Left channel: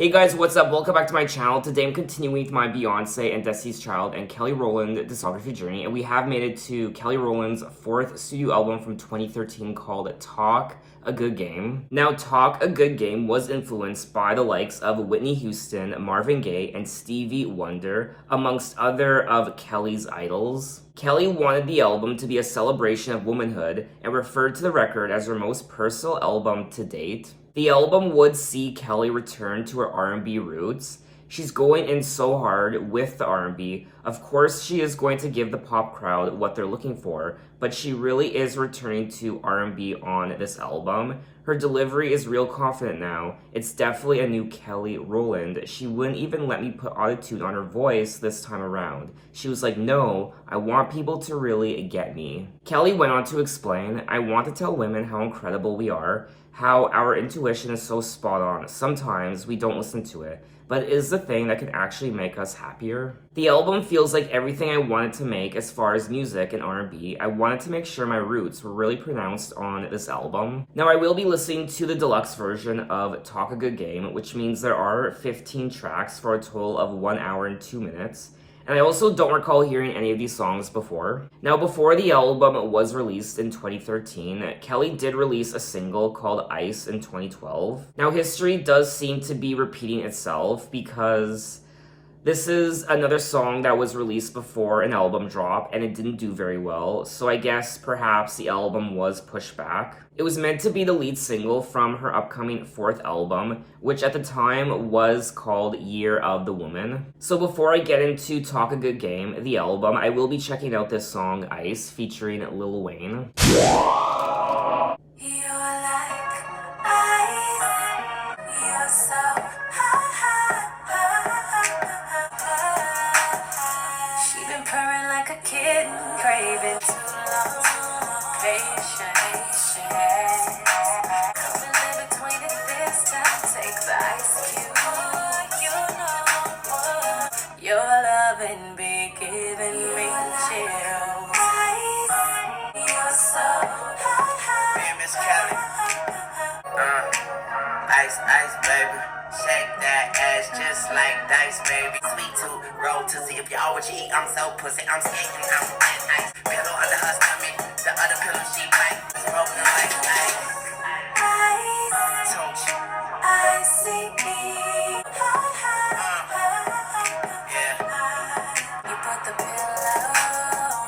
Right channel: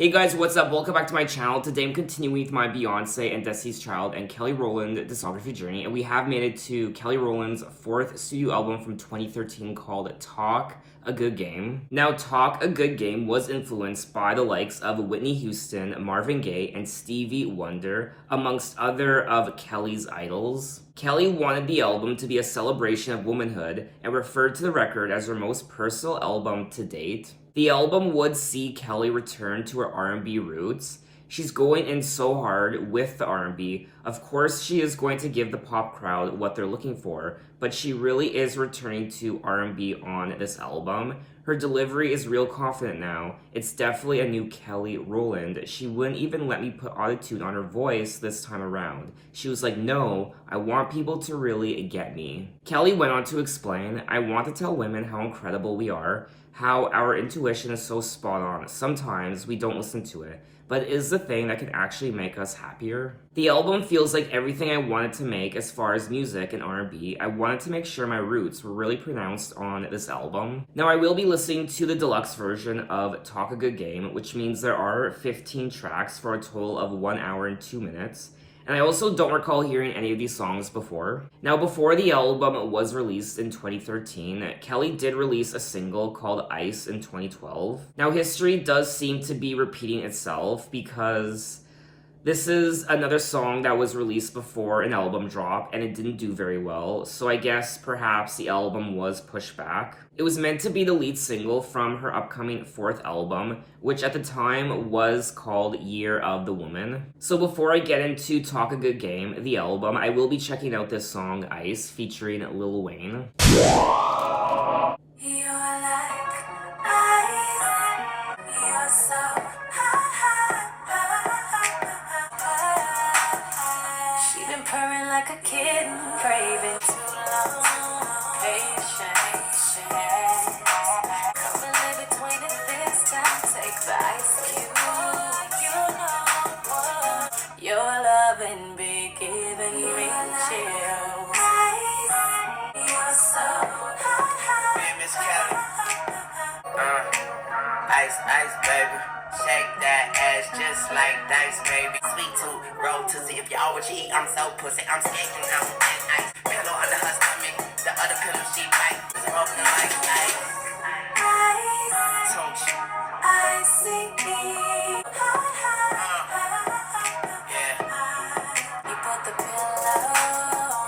Hey guys, what's up? Welcome back to my channel. Today I'm continuing with my Beyonce and Destiny's Child and Kelly Rowland discography journey, and we have made it to Kelly Rowland's fourth studio album from 2013 called Talk a Good Game. Now, Talk a Good Game was influenced by the likes of Whitney Houston, Marvin Gaye, and Stevie Wonder, amongst other of Kelly's idols. Kelly wanted the album to be a celebration of womanhood and referred to the record as her most personal album to date. The album would see Kelly return to her R&B roots. She's going in so hard with the R&B. Of course, she is going to give the pop crowd what they're looking for, but she really is returning to R&B on this album. Her delivery is real confident now. It's definitely a new Kelly Rowland. She wouldn't even let me put autotune on her voice this time around. She was like, no, I want people to really get me. Kelly went on to explain, I want to tell women how incredible we are, how our intuition is so spot on. Sometimes we don't listen to it, but it is the thing that can actually make us happier. The album feels like everything I wanted to make as far as music and R&B. I wanted to make sure my roots were really pronounced on this album. Now, I will be listening to the deluxe version of Talk a Good Game, which means there are 15 tracks for a total of 1 hour and 2 minutes. And I also don't recall hearing any of these songs before. Now, before the album was released in 2013, Kelly did release a single called Ice in 2012. Now, history does seem to be repeating itself because this is another song that was released before an album drop and it didn't do very well, so I guess perhaps the album was pushed back. It was meant to be the lead single from her upcoming fourth album, which at the time was called Year of the Woman. So before I get into Talk a Good Game, the album, I will be checking out this song Ice featuring Lil Wayne. Like a kitten, craving too long, patience. Come and live between it this time. Take the ice cube, you know. Your loving be giving me chills. You're so high. Hey, Miss Kelly. Ice, baby. Shake that ass just like dice, baby. Sweet tooth, roll to see if you all what you eat. I'm so pussy, I'm skating, I'm in ice. Pillow under her stomach, the other pillow she bite. It's broken like ice. I see me. Yeah. You put the pillow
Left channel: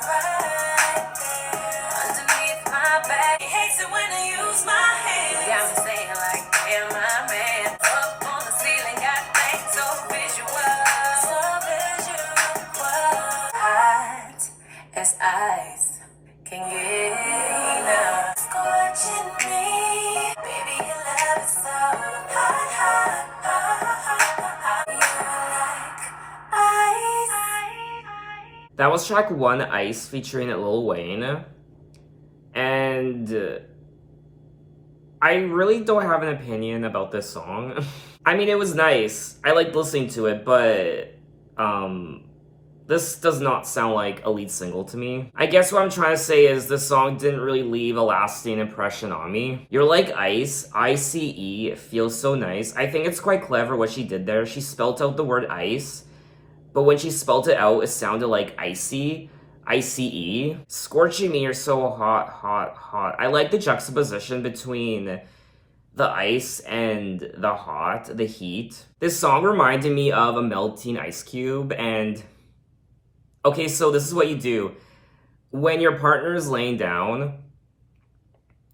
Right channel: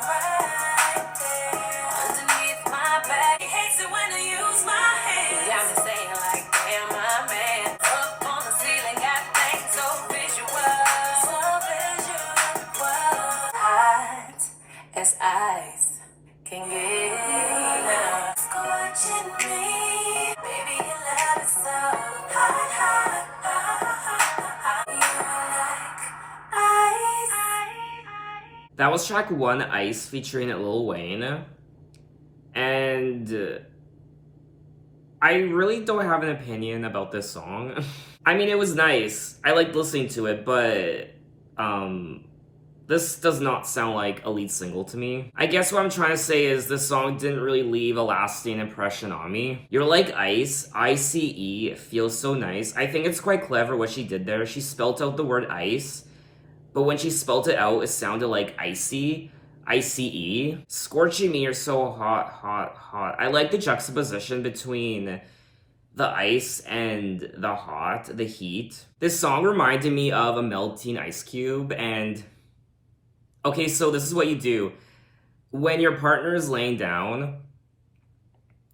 right there underneath my back. He hates it when I use my hands. You got me saying like, damn, my man. Up on the ceiling, got things so visual. So visual. Hot as ice can get enough. Scorching me. Baby, your love is so hot, hot, hot. You're like ice. That was track 1, Ice, featuring Lil Wayne. And I really don't have an opinion about this song. I mean, it was nice. I liked listening to it, but this does not sound like a lead single to me. I guess what I'm trying to say is this song didn't really leave a lasting impression on me. You're like ice, I-C-E, it feels so nice. I think it's quite clever what she did there. She spelled out the word ice, but when she spelled it out, it sounded like icy, I-C-E. Scorching me, you're so hot, hot, hot. I like the juxtaposition between the ice and the hot, the heat. This song reminded me of a melting ice cube, and okay, so this is what you do. When your partner is laying down,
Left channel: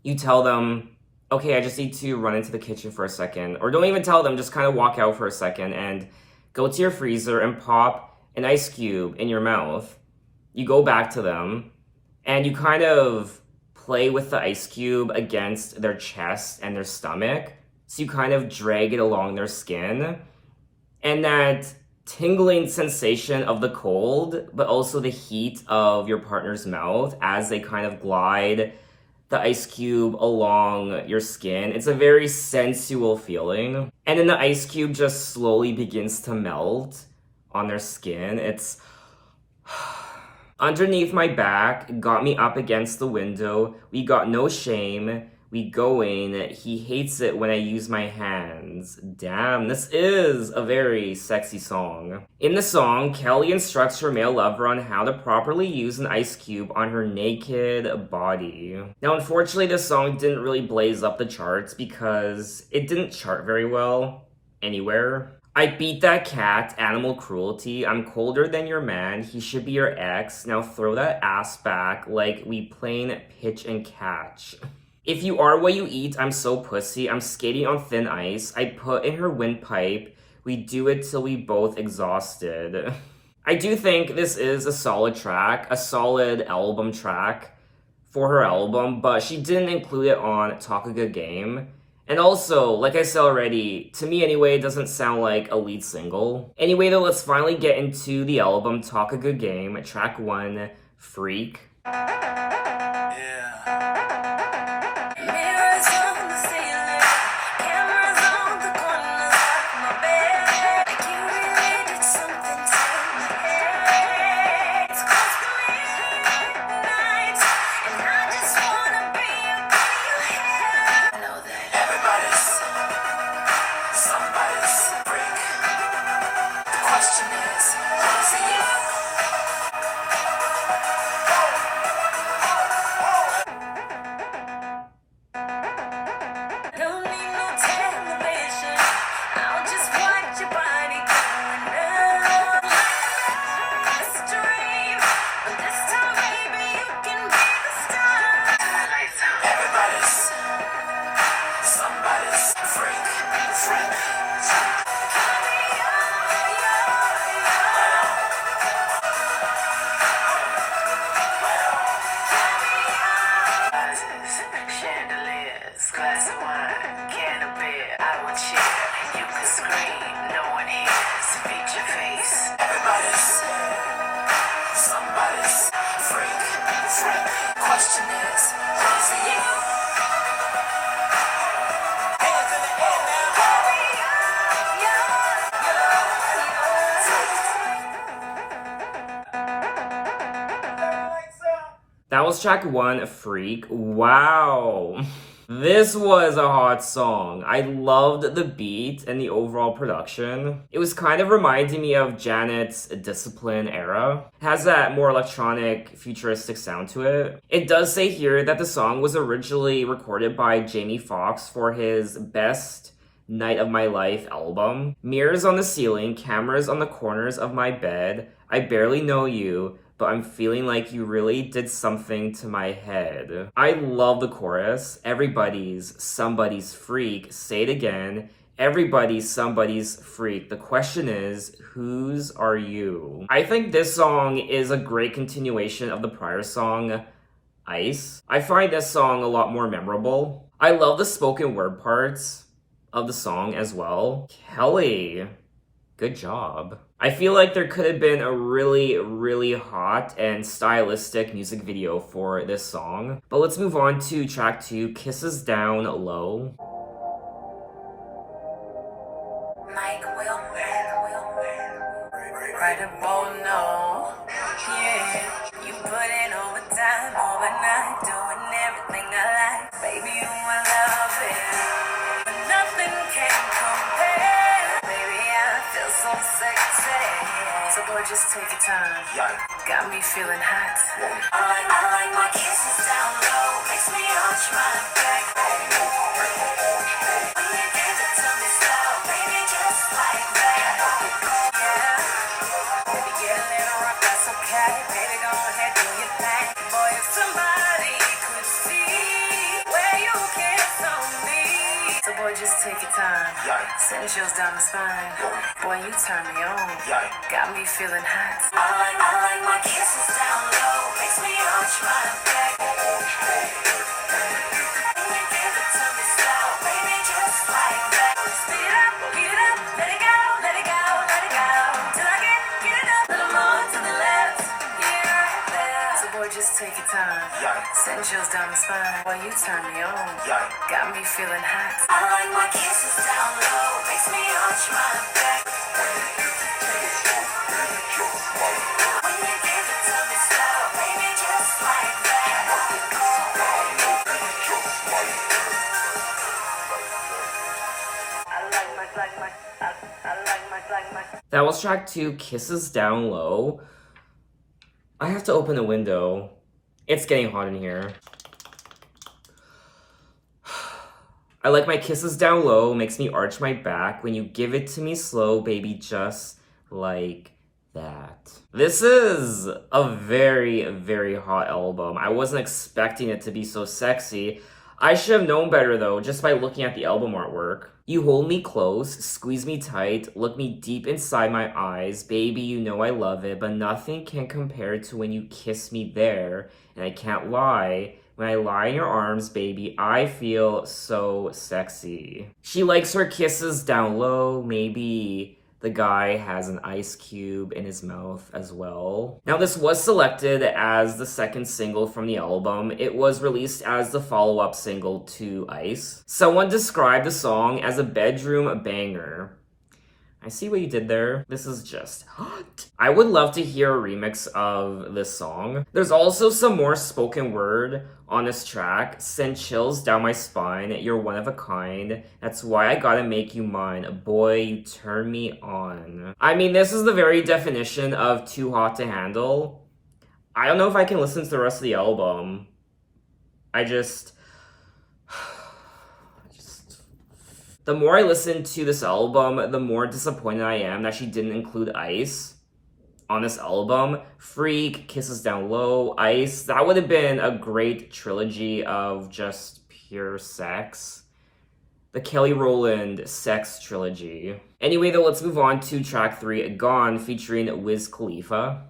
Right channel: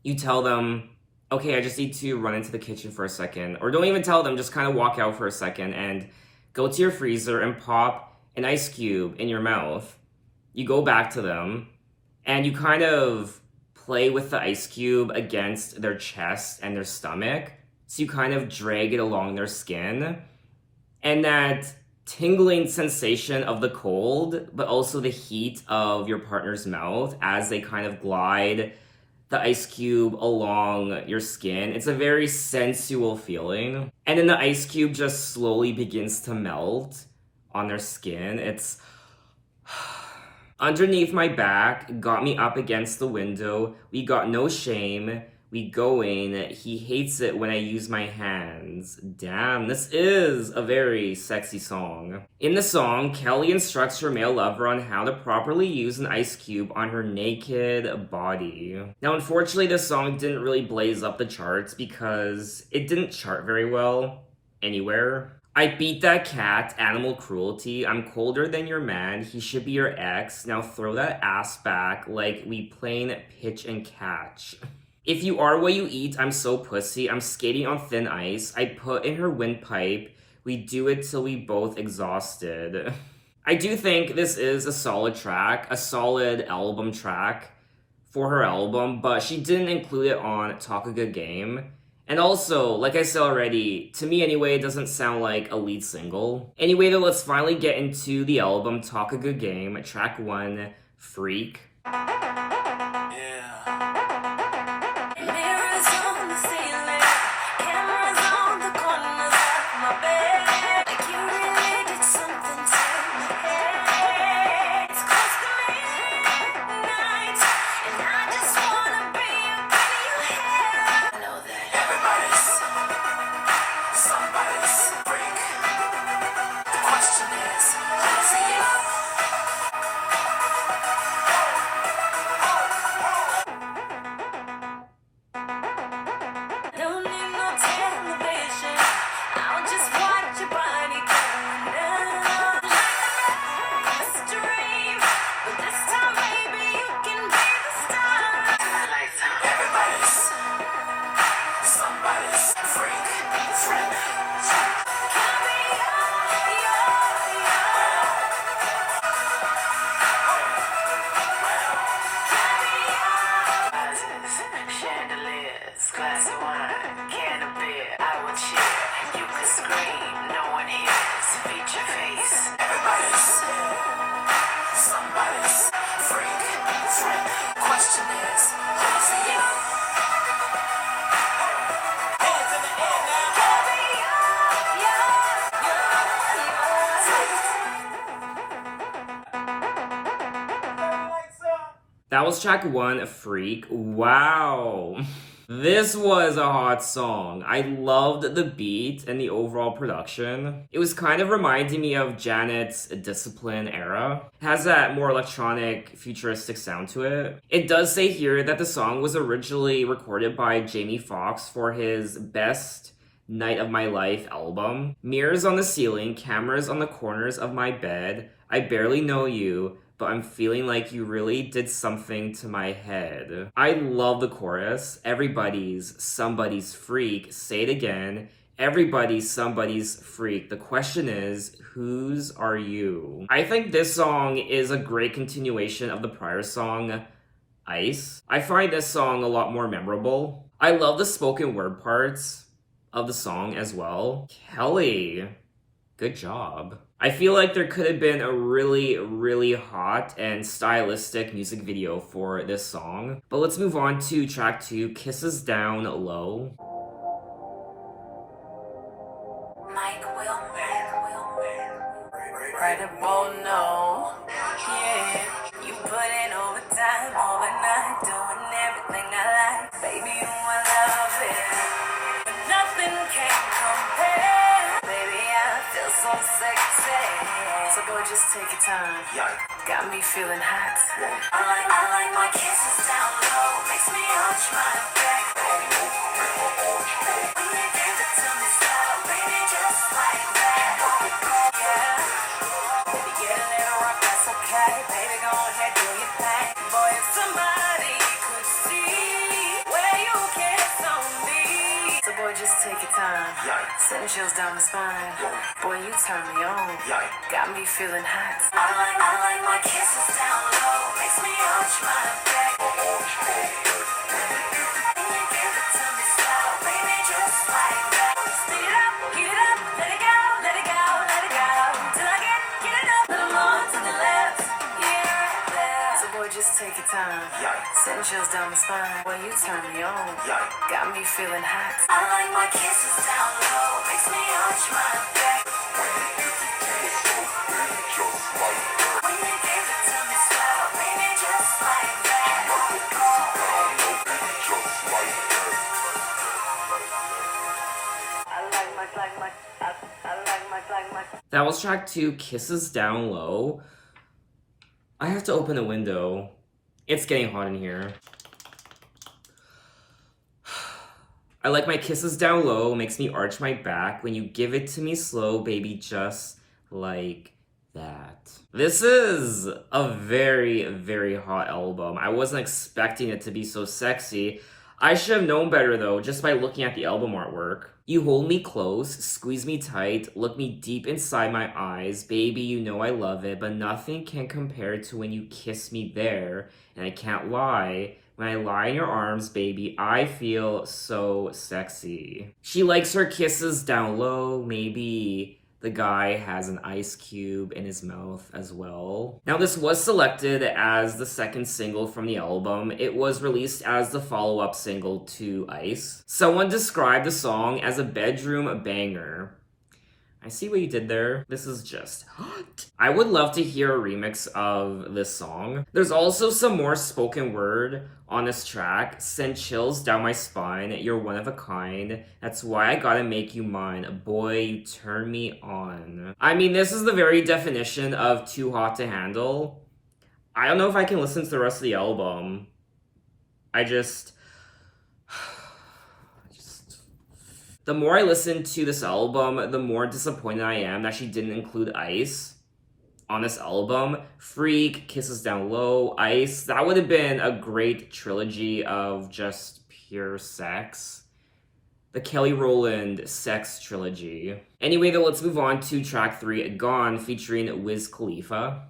you tell them, okay, I just need to run into the kitchen for a second. Or don't even tell them, just kind of walk out for a second and go to your freezer and pop an ice cube in your mouth. You go back to them and you kind of play with the ice cube against their chest and their stomach. So you kind of drag it along their skin. And that tingling sensation of the cold, but also the heat of your partner's mouth as they kind of glide the ice cube along your skin. It's a very sensual feeling. And then the ice cube just slowly begins to melt on their skin. It's underneath my back, got me up against the window. We got no shame. We going. He hates it when I use my hands. Damn, this is a very sexy song. In the song, Kelly instructs her male lover on how to properly use an ice cube on her naked body. Now, unfortunately, this song didn't really blaze up the charts because it didn't chart very well anywhere. I beat that cat, animal cruelty. I'm colder than your man. He should be your ex. Now throw that ass back like we playing pitch and catch. If you are what you eat, I'm so pussy. I'm skating on thin ice. I put in her windpipe. We do it till we both exhausted. I do think this is a solid track, a solid album track for her album, but she didn't include it on Talk a Good Game. And also, like I said already, to me anyway, it doesn't sound like a lead single. Anyway though, let's finally get into the album Talk a Good Game, track 1, Freak. Mirrors on the ceiling, cameras on the corners of my bed. Like you really did something to my head. It's close to midnight, and I just wanna be up in your head. I know that everybody's somebody's freak. The question is, who's you? Don't need no television. I'll just watch your body going down. Mystery, but this time maybe you can be the star. Lights out. Everybody's somebody's freak. Call me Chandeliers, glass of wine, can of beer, I would share. You could scream, no one hears. Beat your face. everybody's somebody's freak. Question is, who's you? Hands in the air now. Call me That was track 1, Freak. Wow. This was a hot song. I loved the beat and the overall production. It was kind of reminding me of Janet's Discipline era. It has that more electronic, futuristic sound to it. It does say here that the song was originally recorded by Jamie Foxx for his Best Night of My Life album. Mirrors on the ceiling, cameras on the corners of my bed. I barely know you, but I'm feeling like you really did something to my head. I love the chorus. Everybody's somebody's freak. Say it again. Everybody's somebody's freak. The question is, whose are you? I think this song is a great continuation of the prior song, Ice. I find this song a lot more memorable. I love the spoken word parts of the song as well. Kelly, good job. I feel like there could have been a really hot and stylistic music video for this song. But let's move on to track 2, Kisses Down Low. Mike Credible, no. Yeah, you put in overtime, overnight, doing everything I like. Baby, you I love it. But nothing can compare. Baby, I feel so sexy. So boy, just take your time. Got me feeling hot. I like my kisses down low. Makes me arch my back. When you give it to me slow, baby, just like that. Yeah. Baby, get a little rough, that's okay. Baby, go ahead, do your thing. Boy, if somebody could see where you kiss on me. So boy, just take your time. Send chills down the spine. Boy, you turn me on. Got me feeling hot. I like my kisses down low. Makes me arch my back. When you give it to me slow, baby, just like that. Speed it up, let it go, let it go, let it go. Till I get enough. Little more to the left, yeah, right there. So boy, just take your time. Send chills down the spine. Boy, you turn me on. Got me feeling hot. I like my kisses down low. Makes me arch my back. When you give it to me slow, baby, just like that. That was track 2, Kisses Down Low. I have to open the window. It's getting hot in here. I like my kisses down low, makes me arch my back. When you give it to me slow, baby, just like that. This is a very, very hot album. I wasn't expecting it to be so sexy. I should have known better though, just by looking at the album artwork. You hold me close, squeeze me tight, look me deep inside my eyes. Baby, you know I love it, but nothing can compare to when you kiss me there. And I can't lie, when I lie in your arms, baby, I feel so sexy. She likes her kisses down low, maybe the guy has an ice cube in his mouth as well. Now, this was selected as the second single from the album. It was released as the follow-up single to Ice. Someone described the song as a bedroom banger. I see what you did there. This is just hot. I would love to hear a remix of this song. There's also some more spoken word on this track. Send chills down my spine. You're one of a kind. That's why I gotta make you mine. Boy, you turn me on. I mean, this is the very definition of too hot to handle. I don't know if I can listen to the rest of the album. The more I listen to this album, the more disappointed I am that she didn't include Ice on this album. Freak, Kisses Down Low, Ice. That would have been a great trilogy of just pure sex. The Kelly Rowland sex trilogy. Anyway, though, let's move on to track 3, Gone, featuring Wiz Khalifa.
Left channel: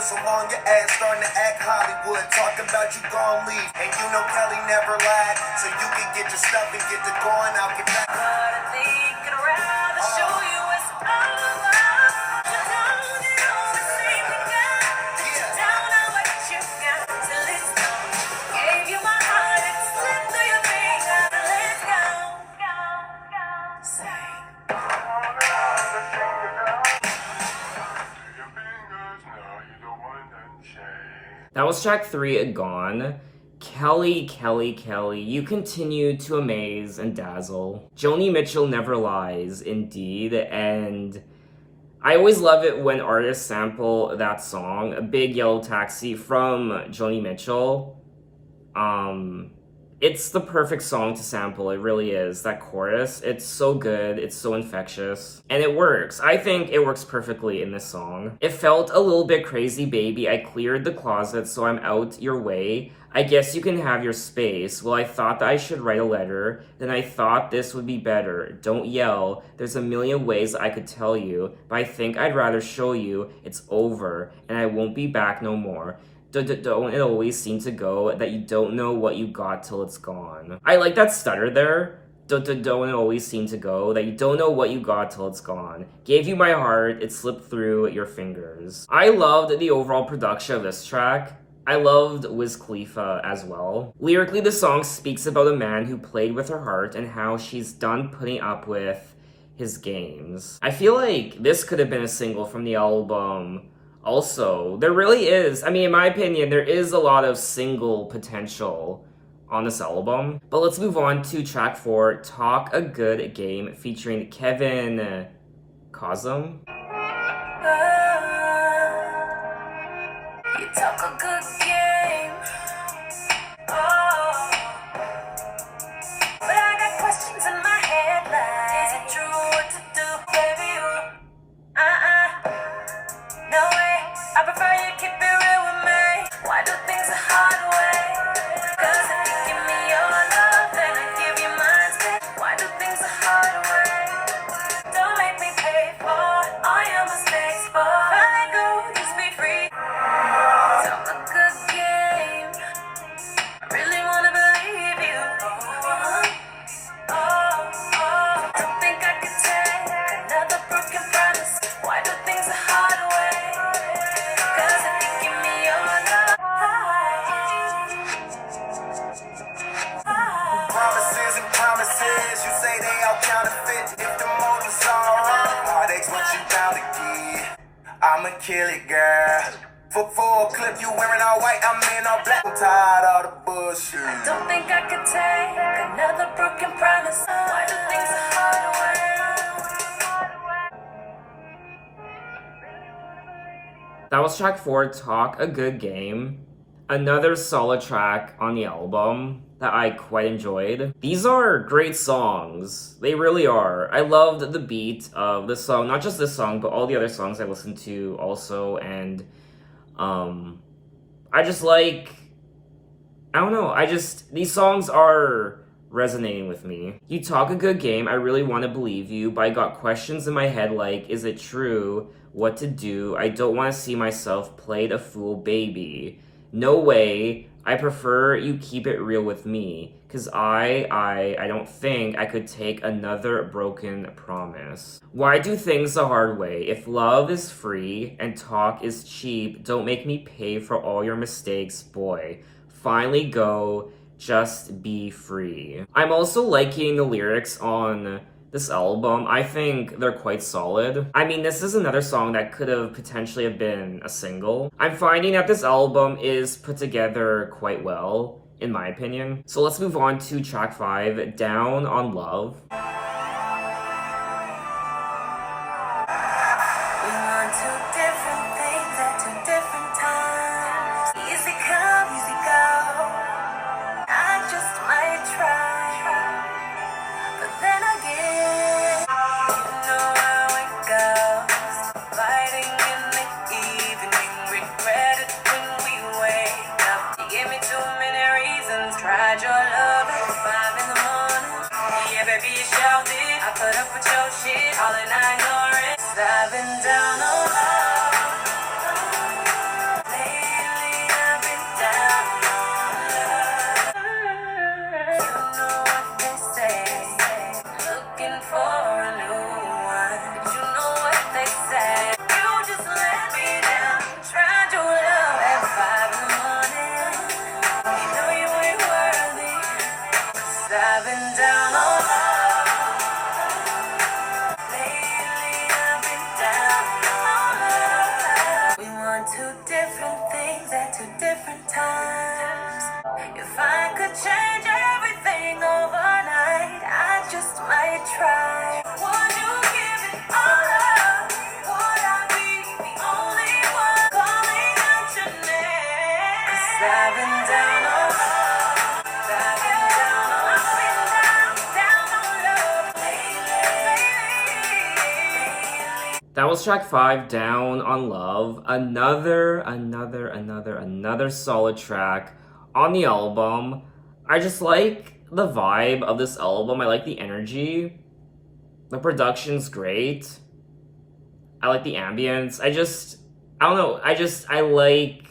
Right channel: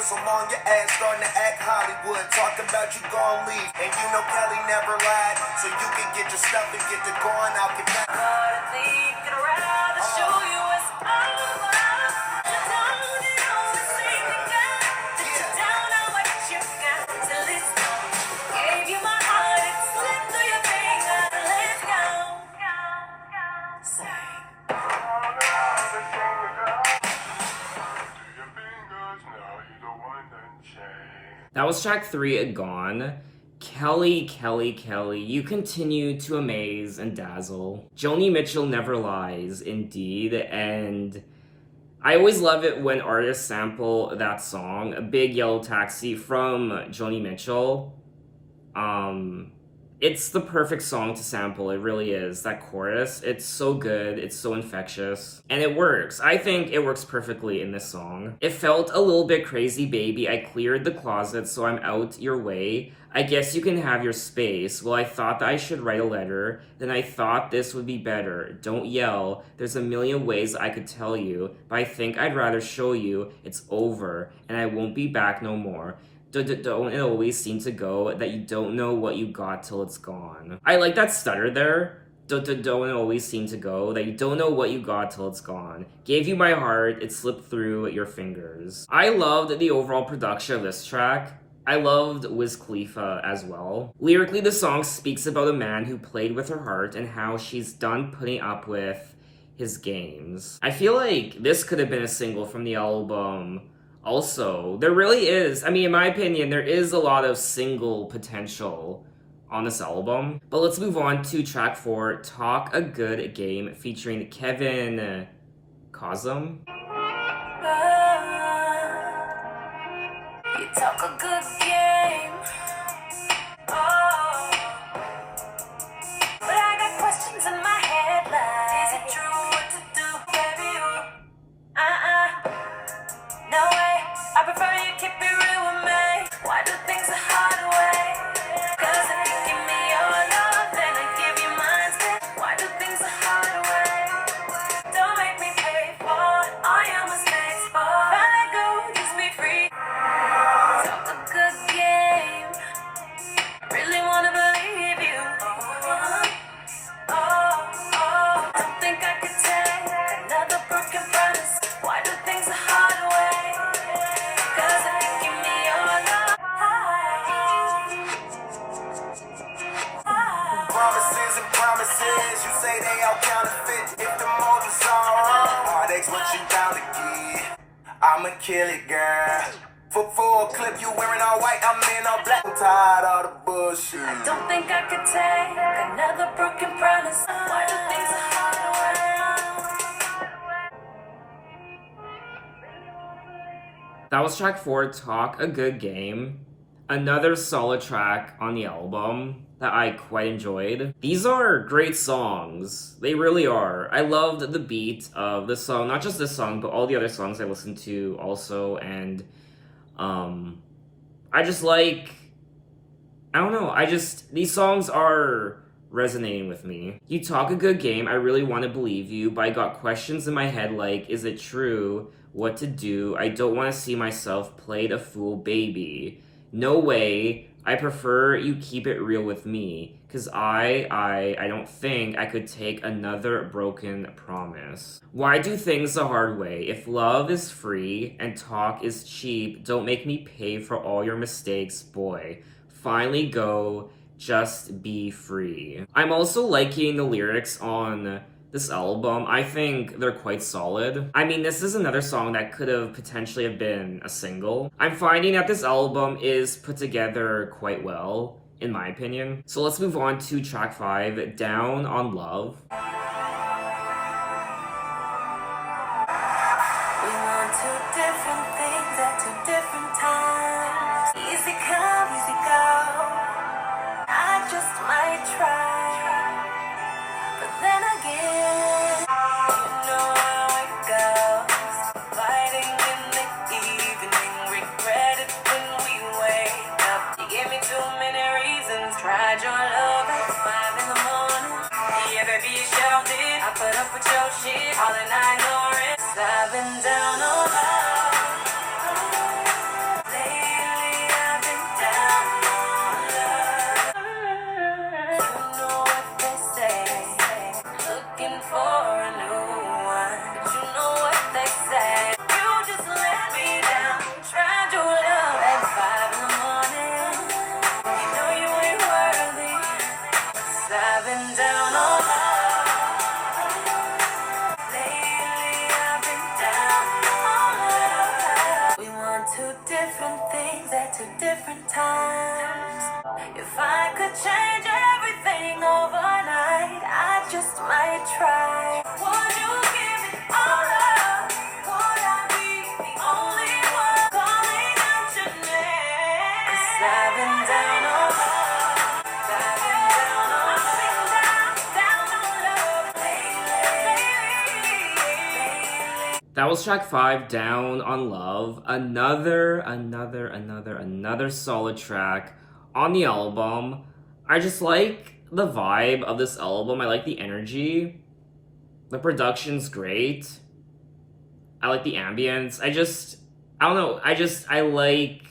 So long, your ass starting to act Hollywood. Talking about you gon' leave. And you know Kelly never lied. So you can get your stuff and get to going. I'll get back. That was track 3, Gone. Kelly, you continue to amaze and dazzle. Joni Mitchell never lies, indeed, and I always love it when artists sample that song, A Big Yellow Taxi from Joni Mitchell. It's the perfect song to sample, it really is. That chorus, it's so good, it's so infectious, and it works. I think it works perfectly in this song. It felt a little bit crazy, baby. I cleared the closet, so I'm out your way. I guess you can have your space. Well, I thought that I should write a letter. Then I thought this would be better. Don't yell. There's a million ways I could tell you, but I think I'd rather show you it's over, and I won't be back no more. Don't it always seem to go that you don't know what you got till it's gone. I like that stutter there. Don't it always seem to go that you don't know what you got till it's gone. Gave you my heart, it slipped through your fingers. I loved the overall production of this track. I loved Wiz Khalifa as well. Lyrically, the song speaks about a man who played with her heart and how she's done putting up with his games. I feel like this could have been a single from the album. Also, there really is, I mean, in my opinion, there is a lot of single potential on this album. But let's move on to track 4, Talk a Good Game, featuring Kevin Cosm. You talk a good game. Oh, promises, you say they all counterfeit. If the motives all wrong, heartache's what you bound to get. I'ma kill it, girl. For a clip, you wearing all white, I'm in all black. I'm tired of the bullshit. Don't think I could take another broken promise. Why do things so hard to That was track 4, Talk, A Good Game. Another solid track on the album that I quite enjoyed. These are great songs. They really are. I loved the beat of this song, not just this song, but all the other songs I listened to also, and I just like, I don't know, these songs are resonating with me. You talk a good game, I really want to believe you, but I got questions in my head like, is it true? What to do? I don't want to see myself played a fool baby. No way. I prefer you keep it real with me, cause I don't think I could take another broken promise. Why do things the hard way? If love is free and talk is cheap, don't make me pay for all your mistakes, boy. Finally go, just be free. I'm also liking the lyrics on this album. I think they're quite solid. I mean, this is another song that could have potentially have been a single. I'm finding that this album is put together quite well, in my opinion. So let's move on to track 5, Down on Love. We want two different things at two different times. Easy come, easy go. I just might try. But then again, you know how it goes. Fighting in the evening, regret it when we wake up. You gave me too many reasons. Tried your love at 5 in the morning. Yeah, baby, you shouted. I put up with your shit, all and I ignore it. I've been down on love. Lately, I've been down on love. You know what they say. Looking for a new one, but you know what they say. You just let me down. Tried your love at 5 in the morning. You know you ain't worthy. 'Cause I've been down on love. Lately I've been down on love. We want two different things at two different times. If I could change everything overnight, I just might try. Would you give it all up? Would I be the only one calling out your name? 'Cause I've been down on love. I've been down on love. Down on love lately. That was track 5, Down on Love. Another solid track on the album. I just like the vibe of this album. I like the energy. The production's great. I like the ambience. I don't know. I like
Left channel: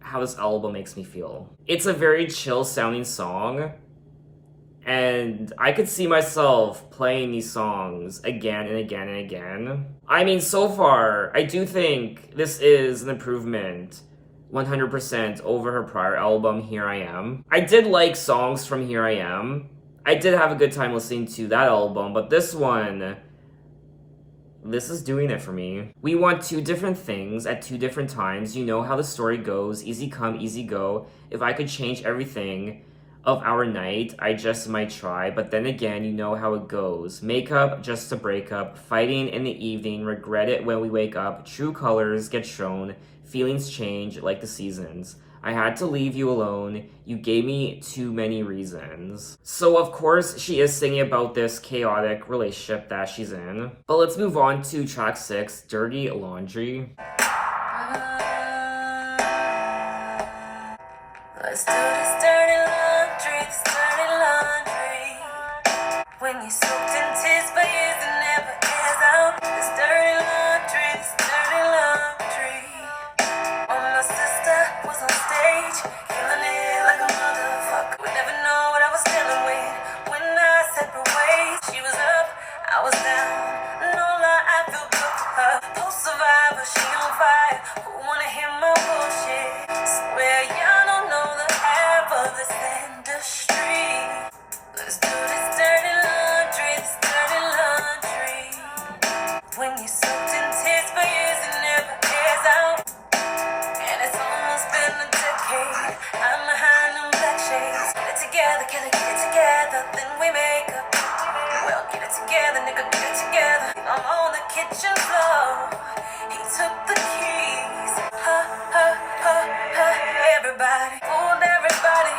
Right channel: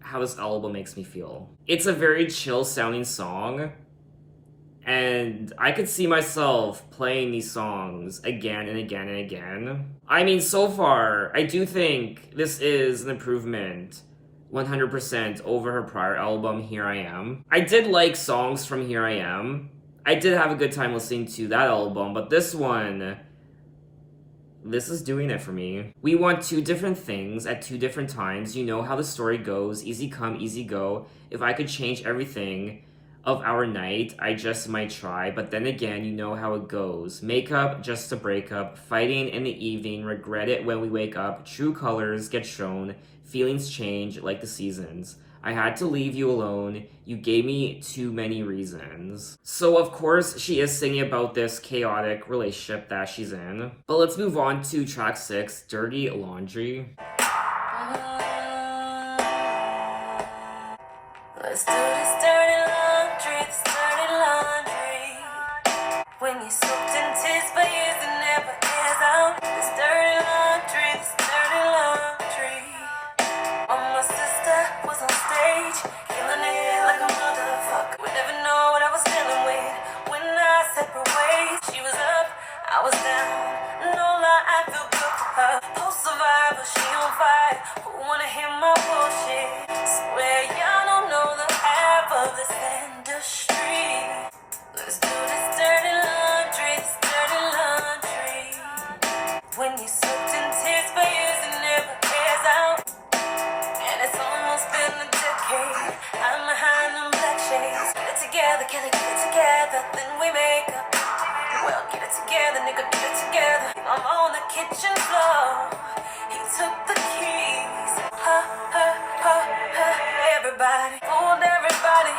how this album makes me feel. It's a very chill sounding song. And I could see myself playing these songs again and again and again. I mean, so far, I do think this is an improvement 100% over her prior album, Here I Am. I did like songs from Here I Am. I did have a good time listening to that album, but this one, this is doing it for me. We want two different things at two different times. You know how the story goes. Easy come, easy go. If I could change everything of our night, I just might try, but then again, you know how it goes. Make up just to break up, fighting in the evening, regret it when we wake up, true colors get shown, feelings change like the seasons. I had to leave you alone, you gave me too many reasons. So of course, she is singing about this chaotic relationship that she's in. But let's move on to track 6, Dirty Laundry. Let's do this dirty laundry, this dirty laundry. When you're soaked in tears for years and never airs out. This dirty laundry, this dirty laundry. Oh, my sister was on stage, killing it like a motherfucker. Would never know what I was dealing with when I separate ways. She was up, I was down. No lie, I feel good for her. Post survivor, she on fire. Who wanna hear my bullshit? Swear y'all don't know the half then we make up. Well, get it together, nigga, get it together. I'm on the kitchen floor. He took the keys. Ha, ha, ha, ha. Everybody, fooled everybody,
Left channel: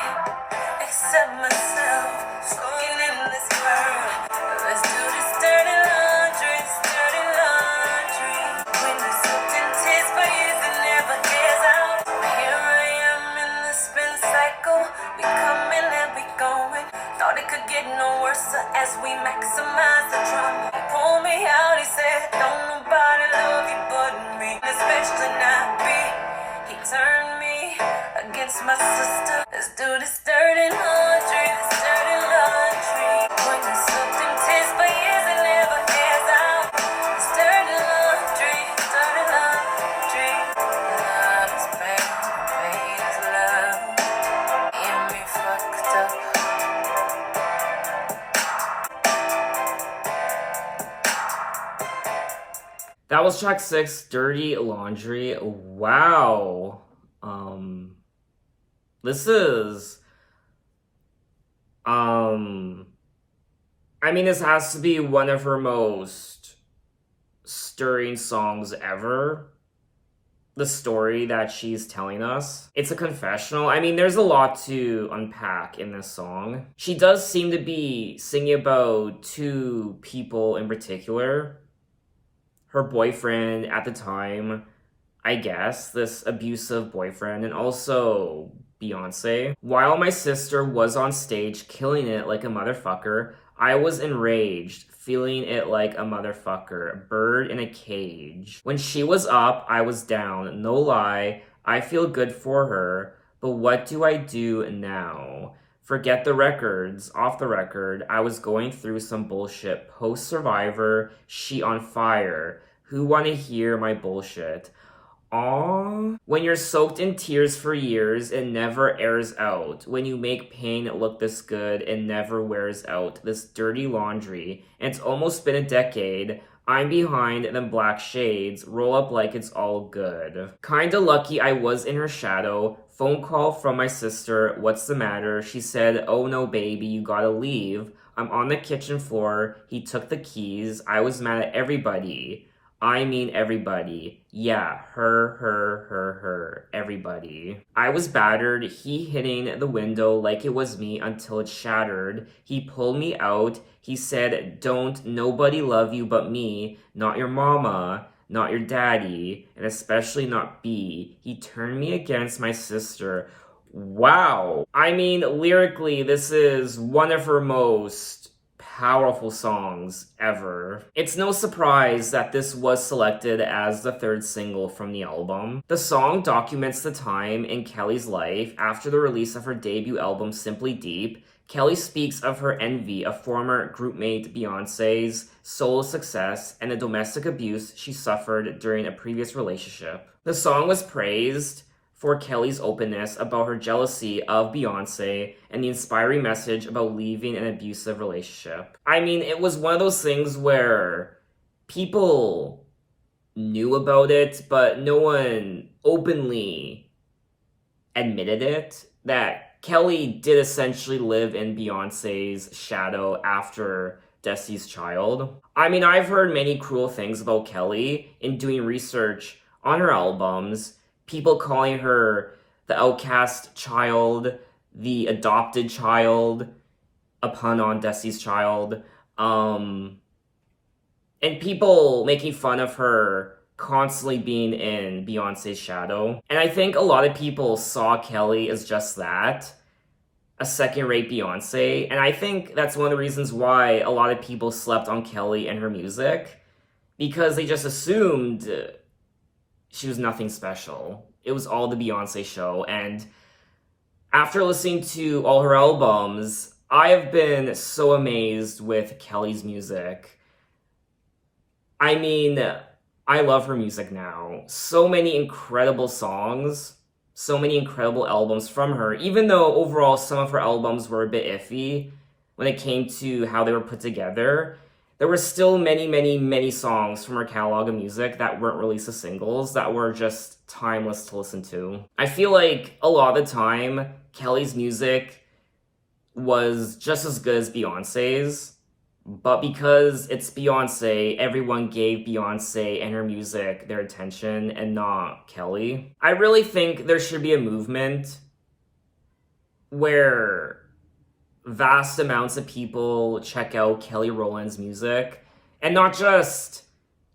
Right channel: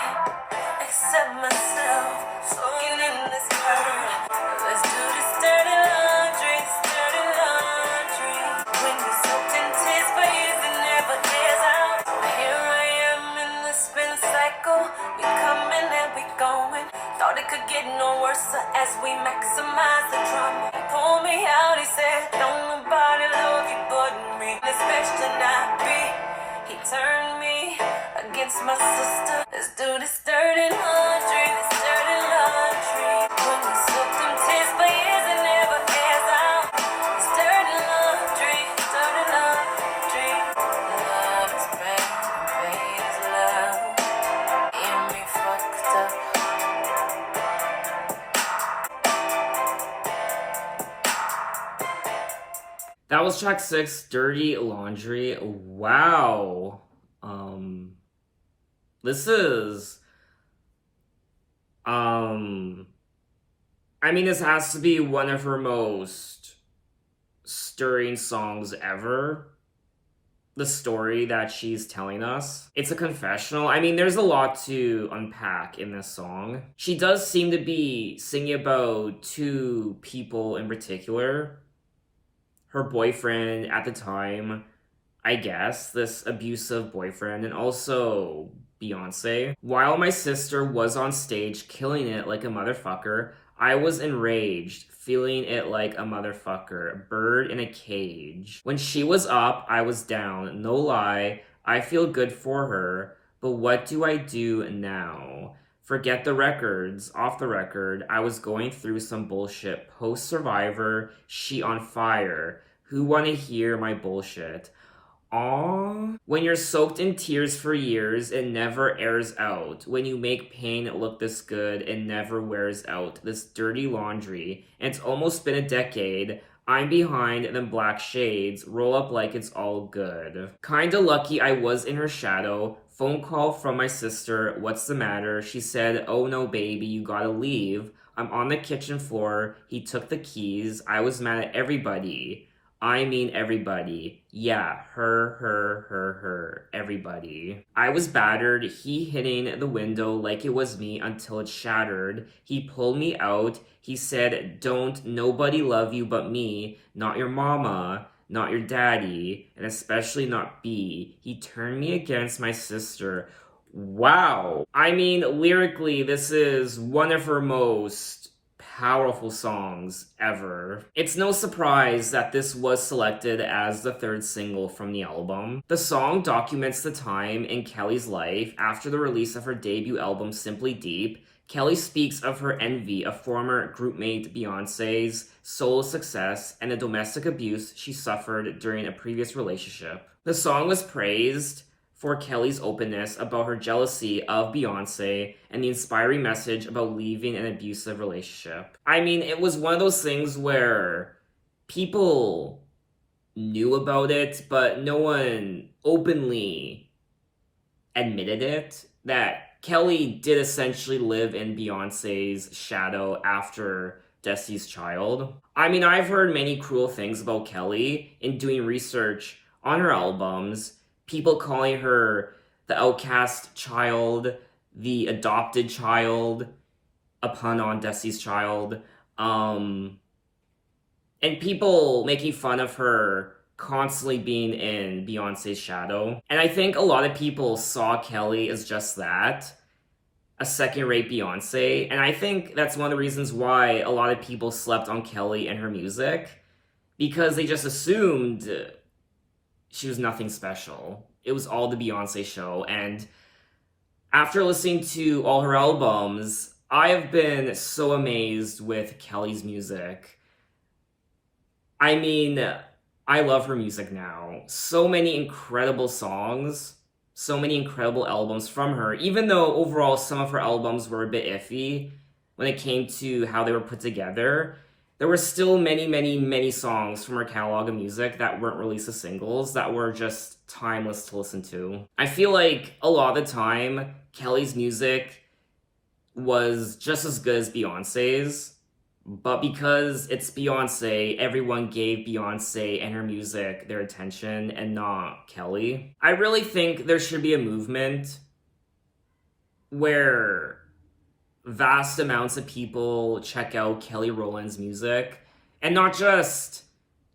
except myself. Soaking in this curve. Let's do this dirty laundry, dirty laundry. When you're soaked in tears, but years it never gets out. Here I am in the spin cycle. We coming and we going. Thought it could get no worse as we maximize the drama. He pulled me out, he said, don't nobody love you but me, especially not me. He turned me against my sister. Let's do this dirty laundry, this dirty laundry. When you're soaked in tears for years it never gets out. This dirty laundry, dirty laundry. Love is bad, pain is love. And me fucked up. That was track 6, Dirty Laundry. Wow. This is, I mean, this has to be one of her most stirring songs ever. The story that she's telling us. It's a confessional. I mean, there's a lot to unpack in this song. She does seem to be singing about two people in particular. Her boyfriend at the time, I guess, this abusive boyfriend, and also Beyonce. While my sister was on stage killing it like a motherfucker, I was enraged, feeling it like a motherfucker, a bird in a cage. When she was up, I was down, no lie, I feel good for her, but what do I do now? Forget the records, off the record, I was going through some bullshit. Post-Survivor, she on fire. Who wanna hear my bullshit? Aww. When you're soaked in tears for years, it never airs out. When you make pain look this good, it never wears out. This dirty laundry. It's almost been a decade. I'm behind them black shades. Roll up like it's all good. Kinda lucky I was in her shadow. Phone call from my sister. What's the matter? She said, oh no baby, you gotta leave. I'm on the kitchen floor. He took the keys. I was mad at everybody. I mean everybody. Yeah, her, everybody. I was battered, he hitting the window like it was me until it shattered. He pulled me out, he said, don't nobody love you but me, not your mama, not your daddy, and especially not B. He turned me against my sister. Wow. I mean, lyrically, this is one of her most powerful songs ever. It's no surprise that this was selected as the third single from the album. The song documents the time in Kelly's life after the release of her debut album, Simply Deep. Kelly speaks of her envy of former groupmate Beyonce's solo success and the domestic abuse she suffered during a previous relationship. The song was praised for Kelly's openness about her jealousy of Beyonce and the inspiring message about leaving an abusive relationship. I mean, it was one of those things where people knew about it, but no one openly admitted it, that Kelly did essentially live in Beyonce's shadow after Destiny's Child. I mean, I've heard many cruel things about Kelly in doing research on her albums. People calling her the outcast child, the adopted child, a pun on Destiny's Child, and people making fun of her constantly being in Beyonce's shadow. And I think a lot of people saw Kelly as just that, a second-rate Beyonce, and I think that's one of the reasons why a lot of people slept on Kelly and her music, because they just assumed she was nothing special. It was all the Beyonce show, and after listening to all her albums, I have been so amazed with Kelly's music. I mean, I love her music now. So many incredible songs, so many incredible albums from her, even though overall some of her albums were a bit iffy when it came to how they were put together. There were still many songs from her catalog of music that weren't released as singles that were just timeless to listen to. I feel like a lot of the time, Kelly's music was just as good as Beyonce's. But because it's Beyonce, everyone gave Beyonce and her music their attention and not Kelly. I really think there should be a movement where vast amounts of people check out Kelly Rowland's music and not just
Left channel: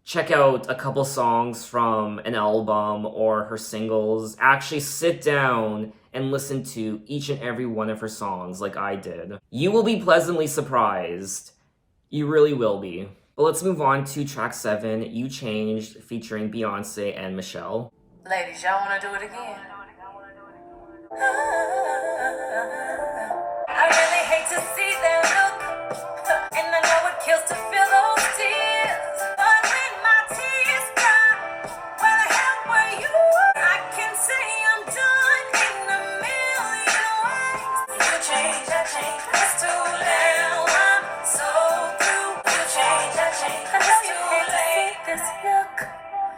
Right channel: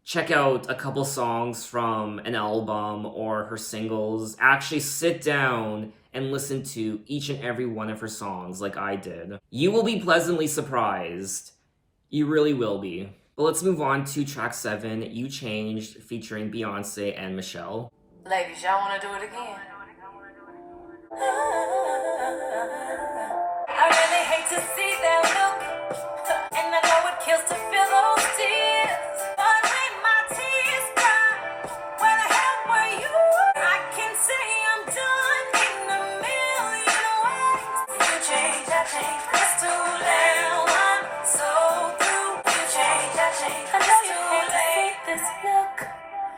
check out a couple songs from an album or her singles. Actually sit down and listen to each and every one of her songs like I did. You will be pleasantly surprised. You really will be. But let's move on to track 7, You Changed, featuring Beyonce and Michelle. Ladies, y'all wanna do it again? I really hate to see that look, and I know it kills to feel those tears. But when my tears dry, where the hell were you? I can say I'm done in a million ways. You changed, I changed, it's too late. I'm so through. You changed, I changed, it's too late. This look,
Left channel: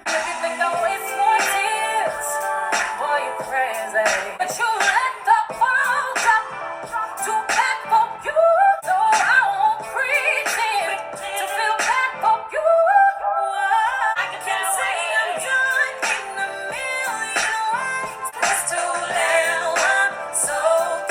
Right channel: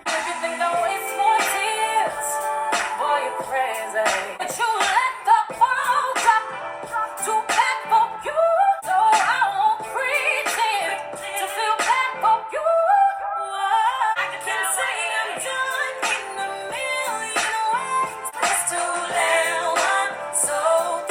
make you think I waste more tears. Boy, you're crazy. But you let the ball drop to back for you. So I won't pretend to feel bad for you. I can say I'm done in a million ways. It's too late. I'm so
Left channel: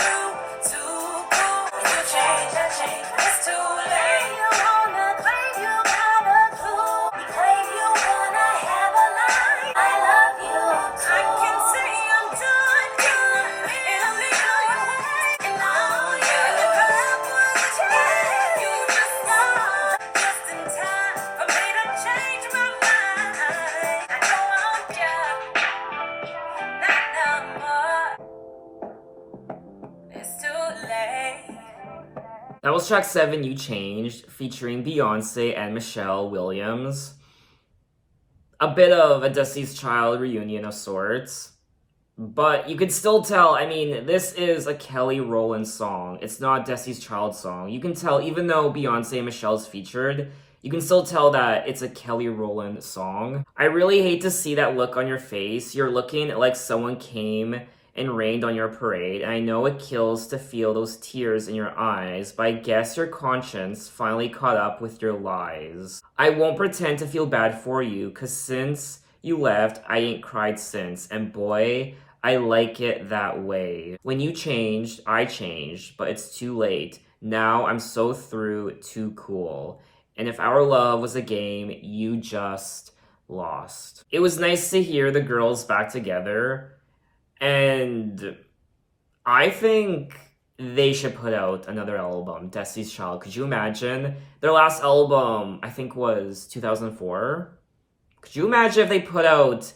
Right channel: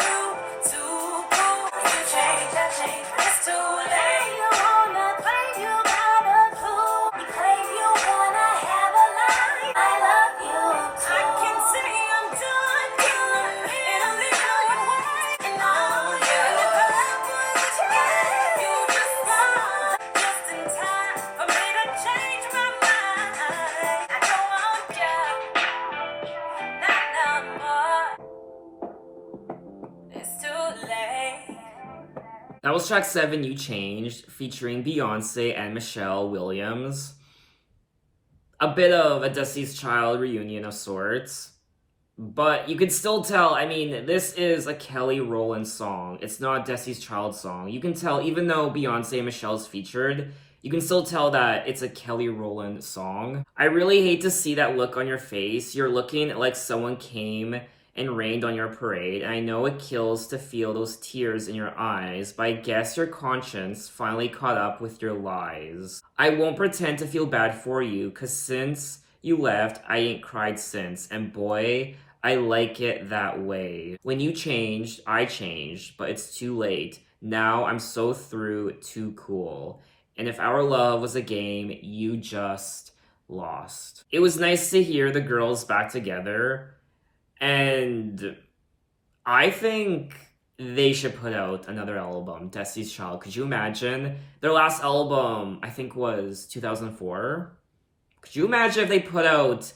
through, too cool. You changed, I changed. It's too late. You wanna claim you got a clue. You claim you wanna have a line. I love you too. I can say I'm done in a million ways. And all you just want just in time for me to change my mind. I don't want you, not no more. It's too late. That was track 7, You Changed, featuring Beyonce and Michelle Williams. A bit of a Destiny's Child reunion of sorts. But you can still tell, I mean, this is a Kelly Rowland song. It's not a Destiny's Child song. You can tell, even though Beyonce and Michelle's featured, you can still tell that it's a Kelly Rowland song. I really hate to see that look on your face. You're looking like someone came and rained on your parade, and I know it kills to feel those tears in your eyes, but I guess your conscience finally caught up with your lies. I won't pretend to feel bad for you, cause since you left, I ain't cried since, and boy, I like it that way. When you changed, I changed, but it's too late. Now I'm so through, too cool. And if our love was a game, you just lost. It was nice to hear the girls back together, and I think they should put out another album, Destiny's Child. Could you imagine? Their last album, I think, was 2004. Could you imagine if they put out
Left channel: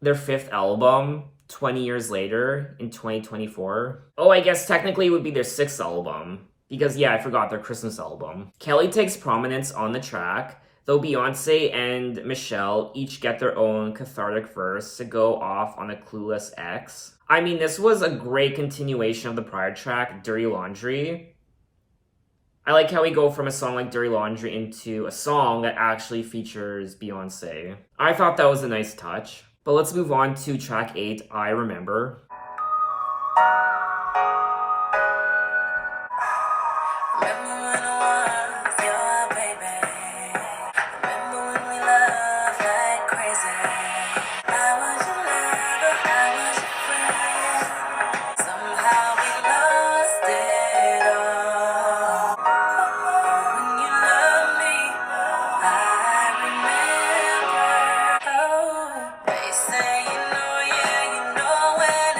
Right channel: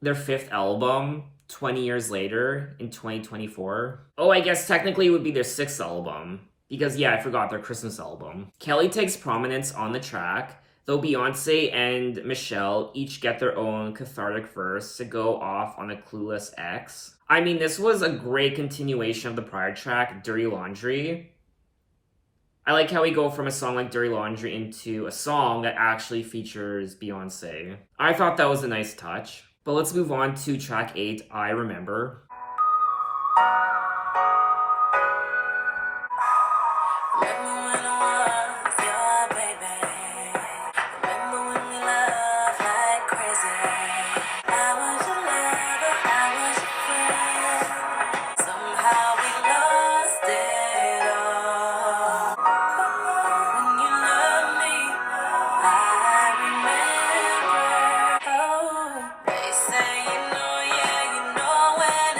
their 5th album 20 years later in 2024? Oh, I guess technically it would be their 6th album. Because, yeah, I forgot their Christmas album. Kelly takes prominence on the track, though Beyonce and Michelle each get their own cathartic verse to go off on a clueless ex. I mean, this was a great continuation of the prior track, Dirty Laundry. I like how we go from a song like Dirty Laundry into a song that actually features Beyonce. I thought that was a nice touch. But let's move on to track 8, I Remember. Remember when I was your baby? Remember when we loved like crazy? I was your lover, I was your friend. Somehow we lost it all. When you loved me, I remember. Oh, they say you know, yeah, you know when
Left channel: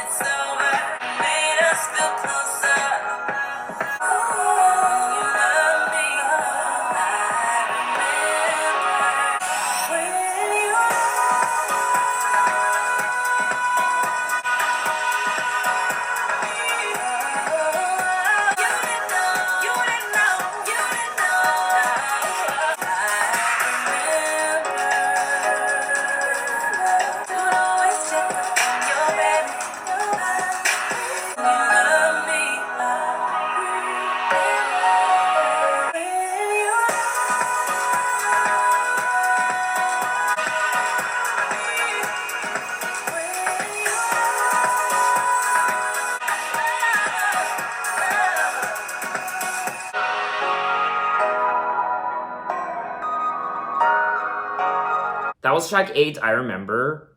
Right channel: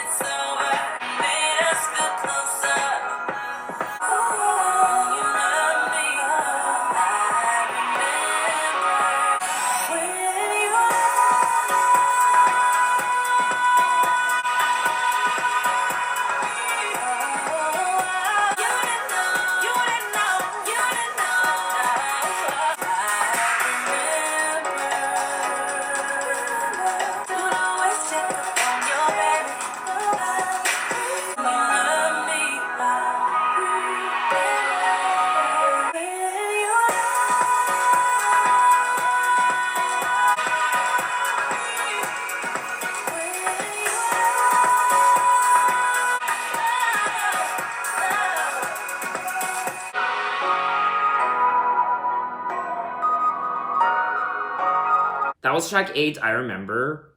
was track 8, I Remember.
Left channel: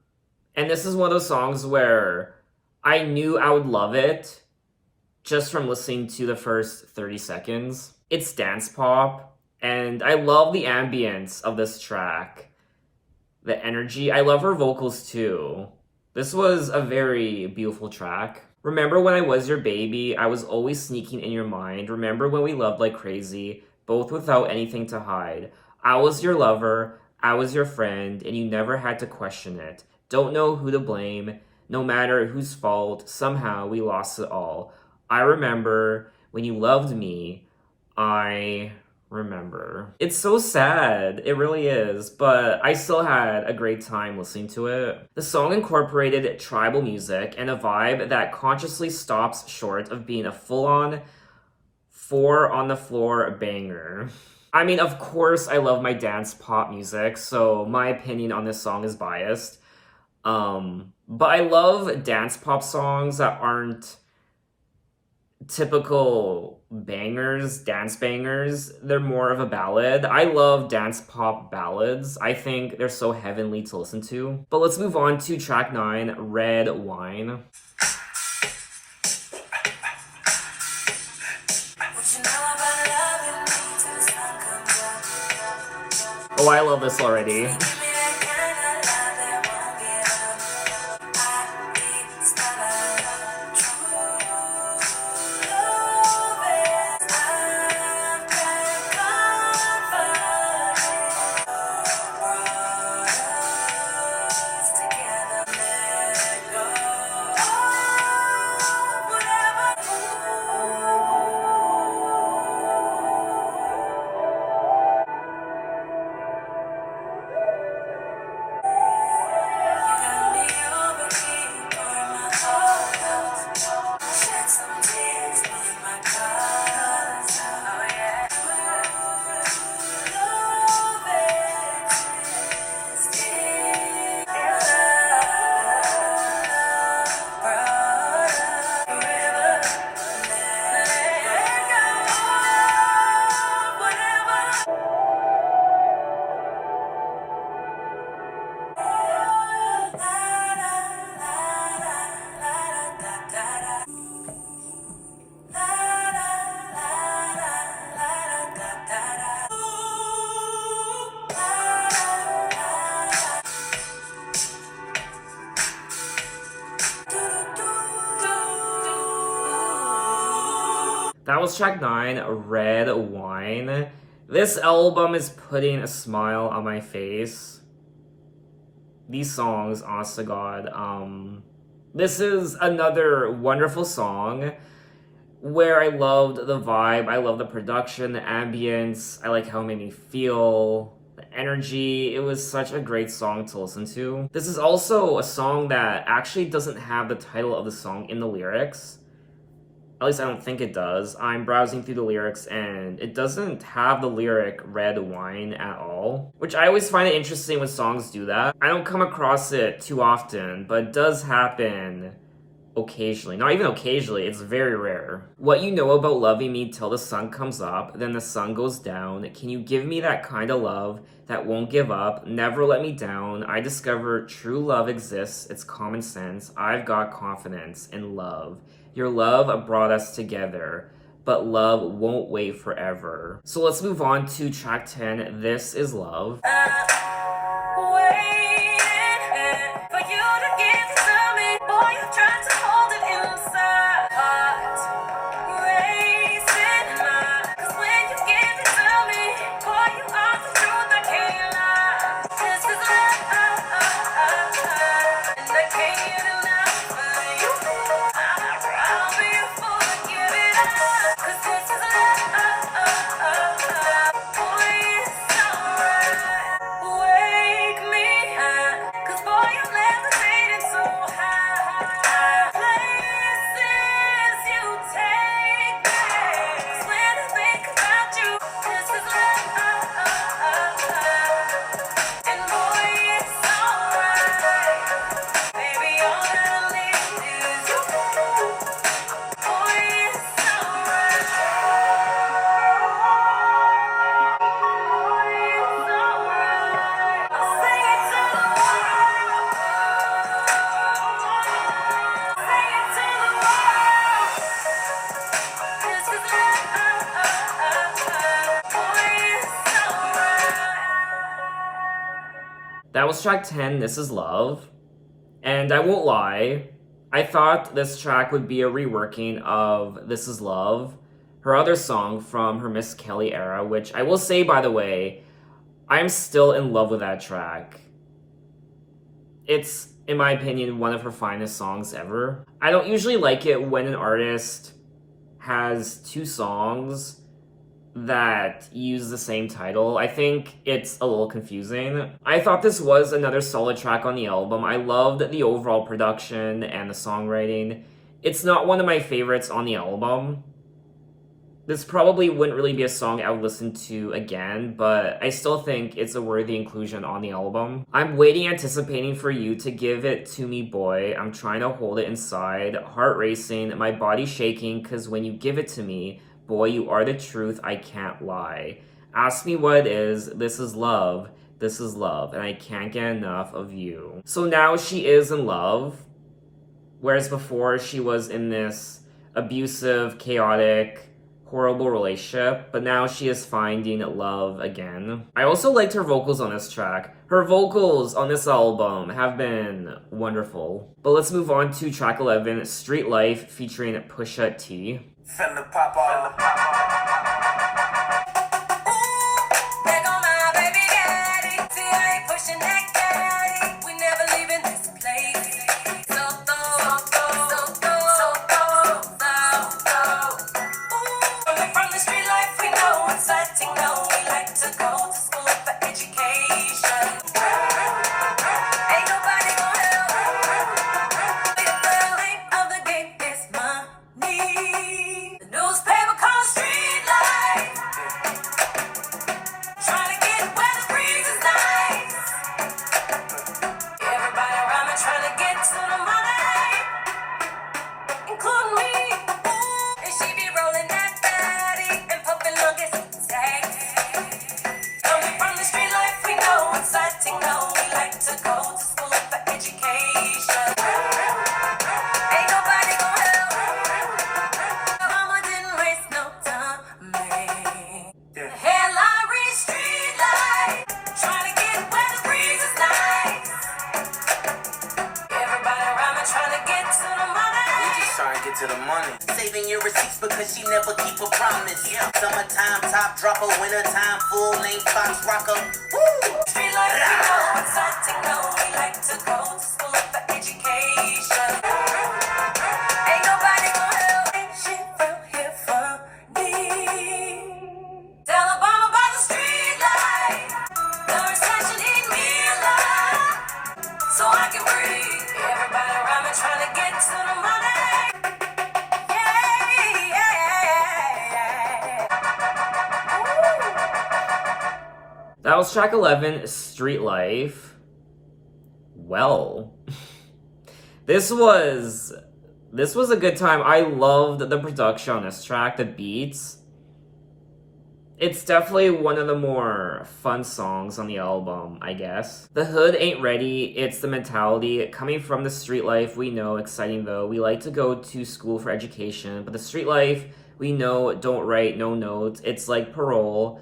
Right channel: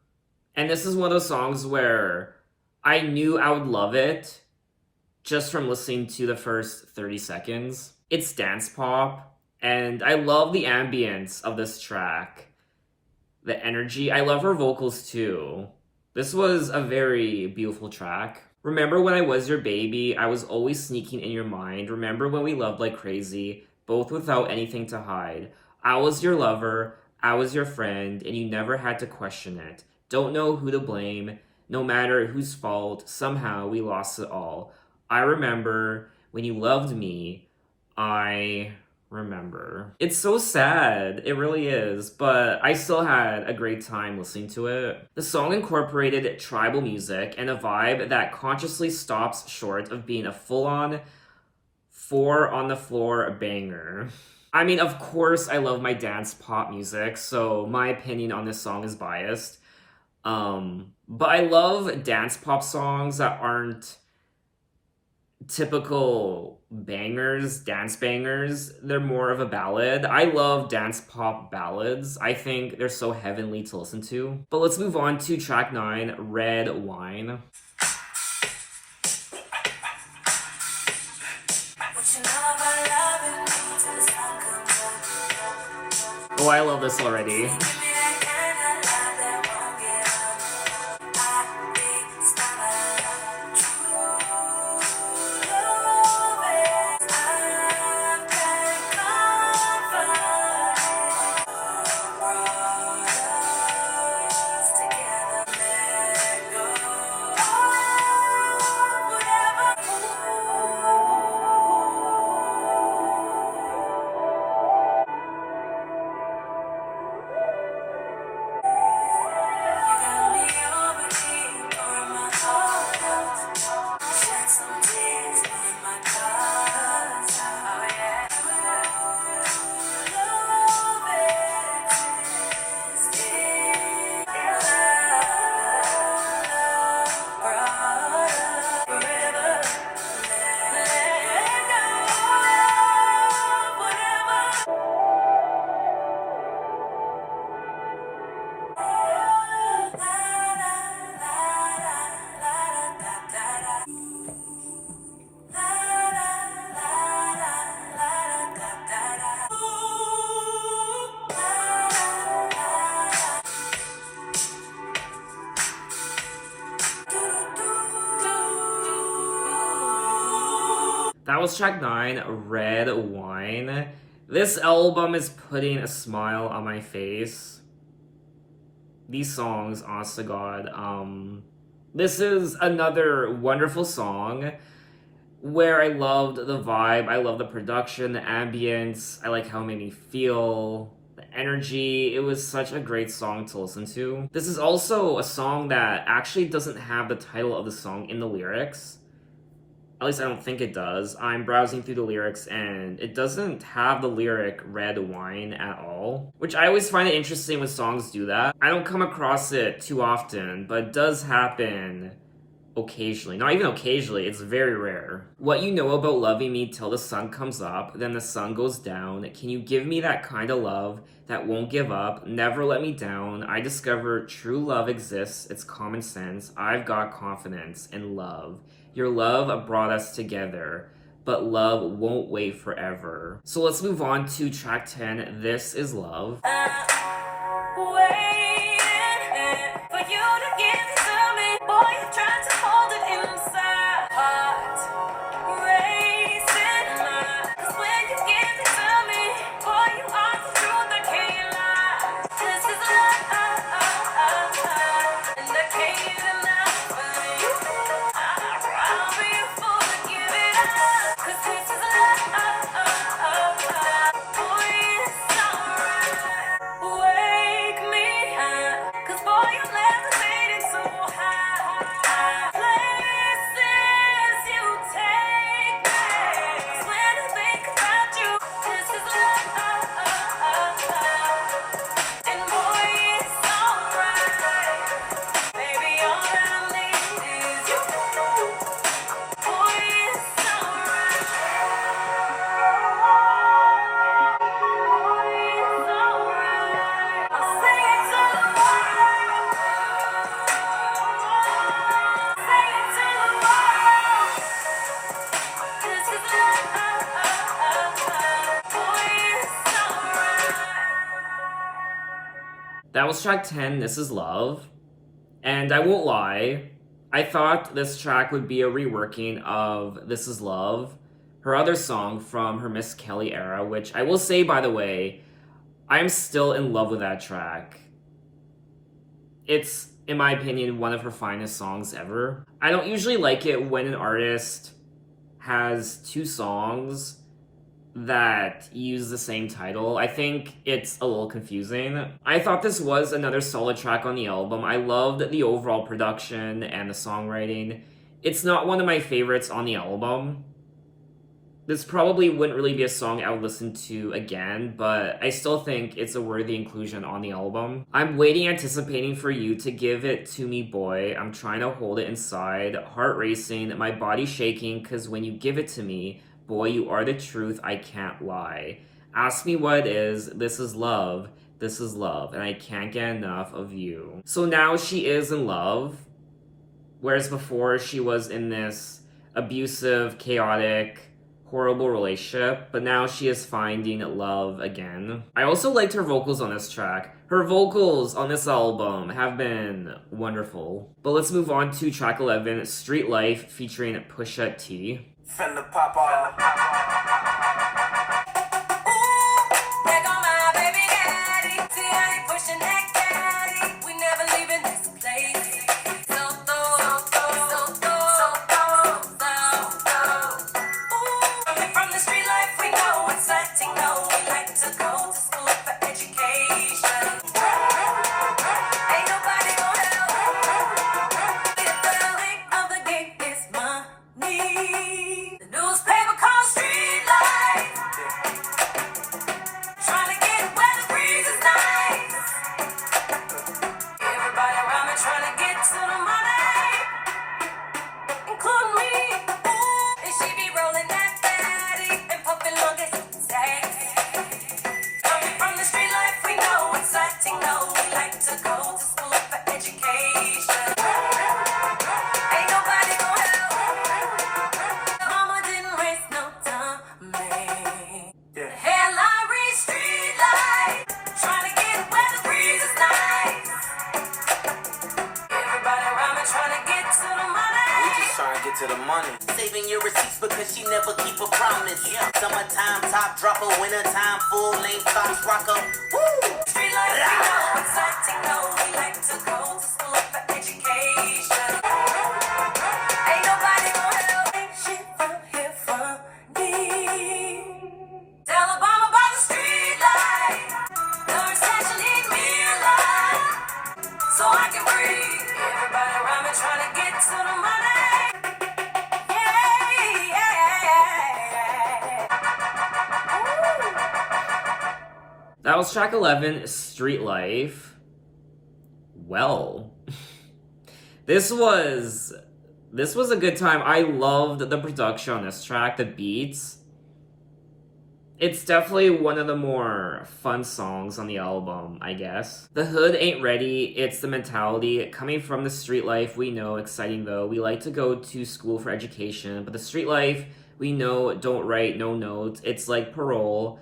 And this is one of those songs where I knew I would love it just from listening to the first 30 seconds. It's dance pop, and I love the ambience of this track. The energy. I love her vocals too. This was a very beautiful track. Remember when I was your baby, I was always sneaking in your mind. Remember when we loved like crazy, both without anything to hide. I was your lover, I was your friend, and you never had to question it. Don't know who to blame, no matter whose fault, somehow we lost it all. I remember when you loved me, I remember. It's so sad, it really is, but I still had a great time listening to it. The song incorporated tribal music and a vibe that consciously stops short of being a full-on 4 on the floor banger. I mean, of course I love my dance pop music, so my opinion on this song is biased. But I love dance pop songs that aren't typical bangers, dance bangers. They're more of a ballad. I love dance pop ballads. I think they're so heavenly to listen to. But let's move on to track 9, Red Wine. Oh, I love this already. That was track 9, Red Wine. This album is putting a smile on my face. These songs, honest to God. This is another wonderful song where I loved the vibe, I love the production, the ambience, I like how it made me feel, the energy. It was such a great song to listen to. This is also a song that actually doesn't have the title of the song in the lyrics. At least I don't think it does. I'm browsing through the lyrics and it doesn't have the lyric Red Wine at all, which I always find it interesting when songs do that. I don't come across it too often, but it does happen occasionally. Not even occasionally, it's very rare. What you know about loving me till the sun comes up, then the sun goes down. Can you give me that kind of love that won't give up, never let me down? I discover true love exists, it's common sense. I've got confidence in love. Your love brought us together, but love won't wait forever. So let's move on to track 10, This Is Love. Wake me up, 'cause boy, you That was track 10, This Is Love. And I won't lie, I thought this track would be a reworking of This Is Love, her other song from her Miss Kelly era, which I will say, by the way, I'm still in love with that track. It's, in my opinion, one of her finest songs ever. I don't usually like it when an artist has two songs that use the same title. I think it's a little confusing. I thought this was another solid track on the album. I loved the overall production and the songwriting. It's not one of my favorites on the album. This probably wouldn't really be a song I would listen to again, but I still think it's a worthy inclusion on the album. I'm waiting, anticipating for you to give it to me, boy. I'm trying to hold it inside. Heart racing, my body shaking, cause when you give it to me, boy, you are the truth, I can't lie. Ask me what it is, this is love, and I can't get enough of you. So now she is in love, whereas before she was in this abusive, chaotic, horrible relationship, but now she is finding love again. I also liked her vocals on this track. Her vocals on this album have been wonderful. But let's move on to track 11, Street Life, featuring Pusha T. Finna pop all. There go my baby daddy. See, I ain't pushing that caddy. We never leaving this place. So Coming from the street life, we know what's letting go. We like to go to school for education. Ain't nobody gonna help. The name of the game is money. The newspaper calls street life. Trying to get where the breeze is nice. Everybody around me trying to get to the money, including me. And she be rolling that body and pumping longest sex. Coming from the street life, we know it's letting go. We like to go to school for education. Ain't nobody gonna help. Mama didn't waste no time, man. Headline read street life. Trying to get where the breeze is nice. Everybody around me trying to get to the money. We just trying to get to the money. Saving your receipts because she never keep a promise. Yeah. Summertime top dropper, wintertime full length box rocker. Woo! Street life, we know it's letting go. We like to go to school for education. Ain't nobody gonna help. Ain't shit from here for me. Tell Obama about the street life. Learn that you need me alive, so I can breathe. Everybody around me trying to get to the money. That was track 11, Street Life. Well, this was a good time. I loved the production on this track, the beats. It's definitely one of the more fun songs on the album, I guess. The hood ain't ready, it's the mentality. Coming from the street life, we know, exciting though. We like to go to school for education, but the street life, we know, don't write no notes. It's like parole.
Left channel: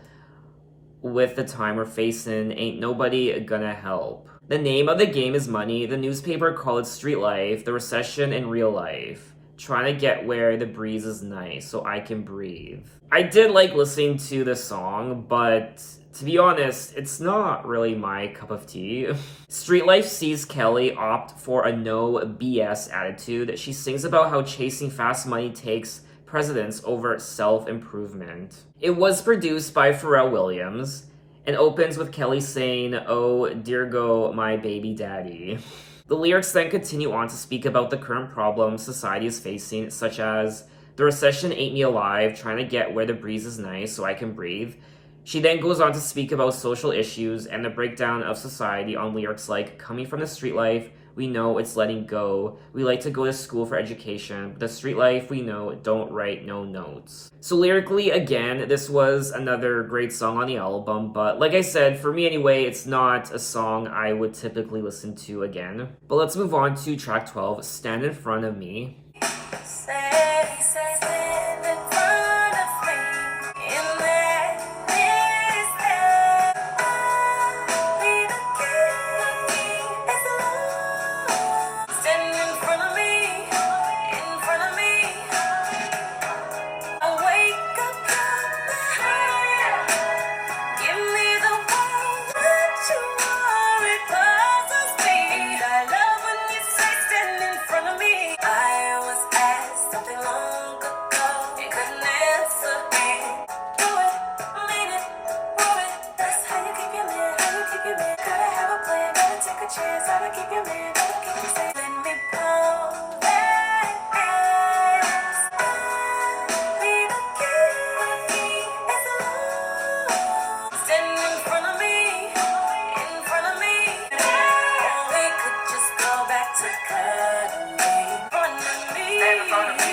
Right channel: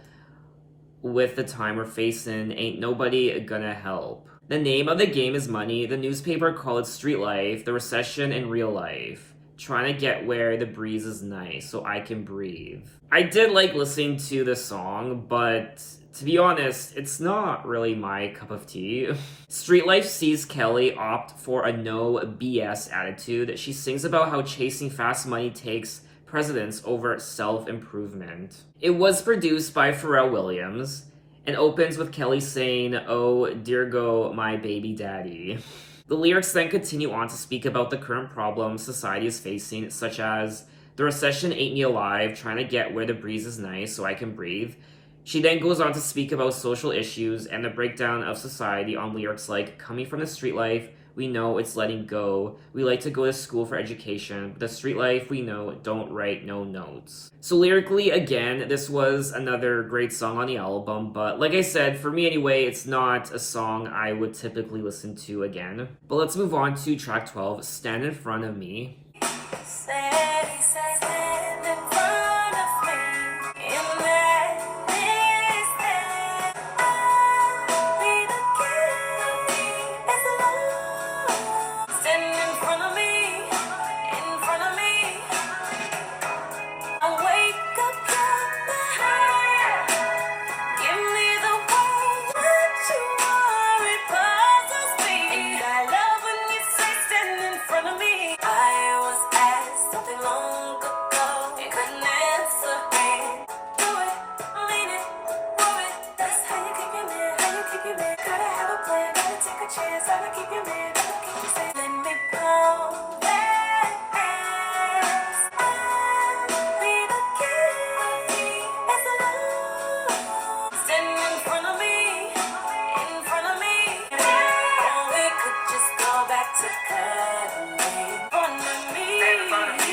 With the time we're facing, ain't nobody gonna help. The name of the game is money. The newspaper called it street life, the recession in real life. Trying to get where the breeze is nice so I can breathe. I did like listening to this song, but to be honest, it's not really my cup of tea. Street Life sees Kelly opt for a no BS attitude. She sings about how chasing fast money takes precedence over self-improvement. It was produced by Pharrell Williams and opens with Kelly saying, "Oh, dear go my baby daddy." The lyrics then continue on to speak about the current problems society is facing, such as, "The recession ate me alive, trying to get where the breeze is nice so I can breathe." She then goes on to speak about social issues and the breakdown of society on lyrics like, "Coming from the street life, we know it's letting go. We like to go to school for education, but the street life, we know, don't write no notes." So lyrically, again, this was another great song on the album, but like I said, for me anyway, it's not a song I would typically listen to again. But let's move on to track 12, Stand in Front of Me. Say, stand in front of me and let me stand. I'll be the king Gotta keep your man, gotta keep you safe. Let me go back. Be the key. It's love. Stand in front of me. In front of me. Or we could just go back to cuddling. In front of me. In front of me.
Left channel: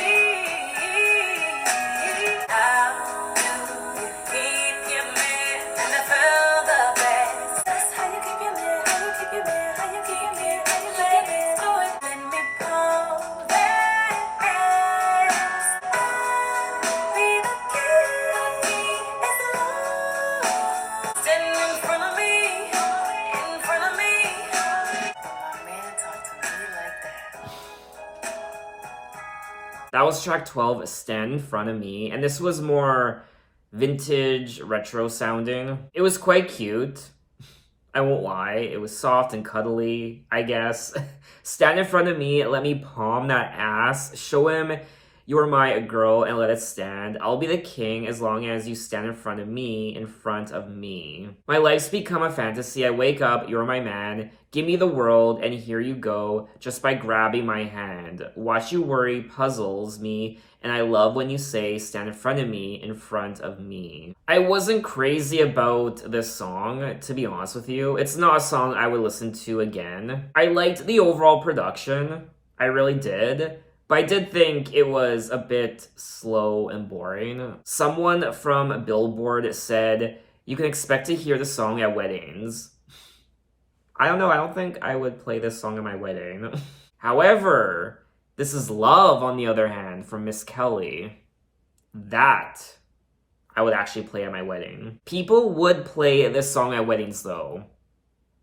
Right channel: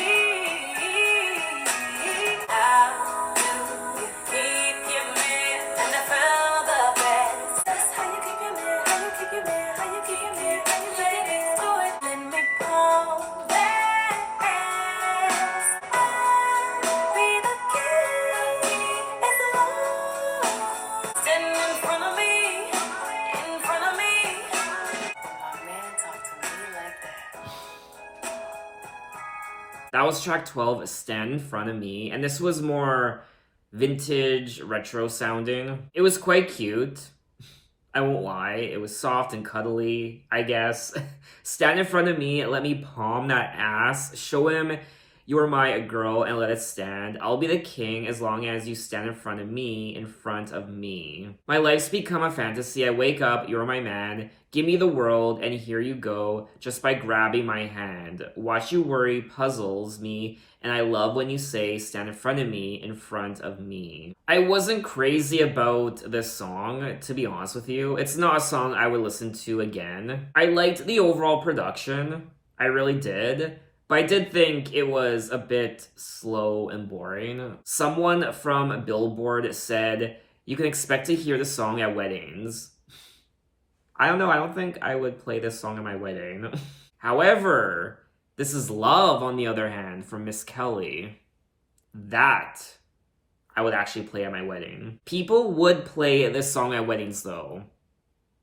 How do you keep your man? And I felt the best. That's how you keep your man. How you keep your man. How you keep your man. How you keep your man. Do it. Let me call back. Be the key. It's love. Stand in front of me. In front of me. My man talk to me like that. That was track 12, Stand in Front of Me, and this was more vintage, retro sounding. It was quite cute. I won't lie, it was soft and cuddly, I guess. Stand in front of me, let me palm that ass, show him you're my girl and let it stand. I'll be the king as long as you stand in front of me, in front of me. My life's become a fantasy, I wake up, you're my man. Give me the world and here you go, just by grabbing my hand. Watch you worry puzzles me, and I love when you say stand in front of me, in front of me. I wasn't crazy about this song, to be honest with you. It's not a song I would listen to again. I liked the overall production, I really did. But I did think it was a bit slow and boring. Someone from Billboard said, you can expect to hear the song at weddings. I don't know, I don't think I would play this song at my wedding. However, This Is Love, on the other hand, from Miss Kelly. That I would actually play at my wedding. People would play this song at weddings, though,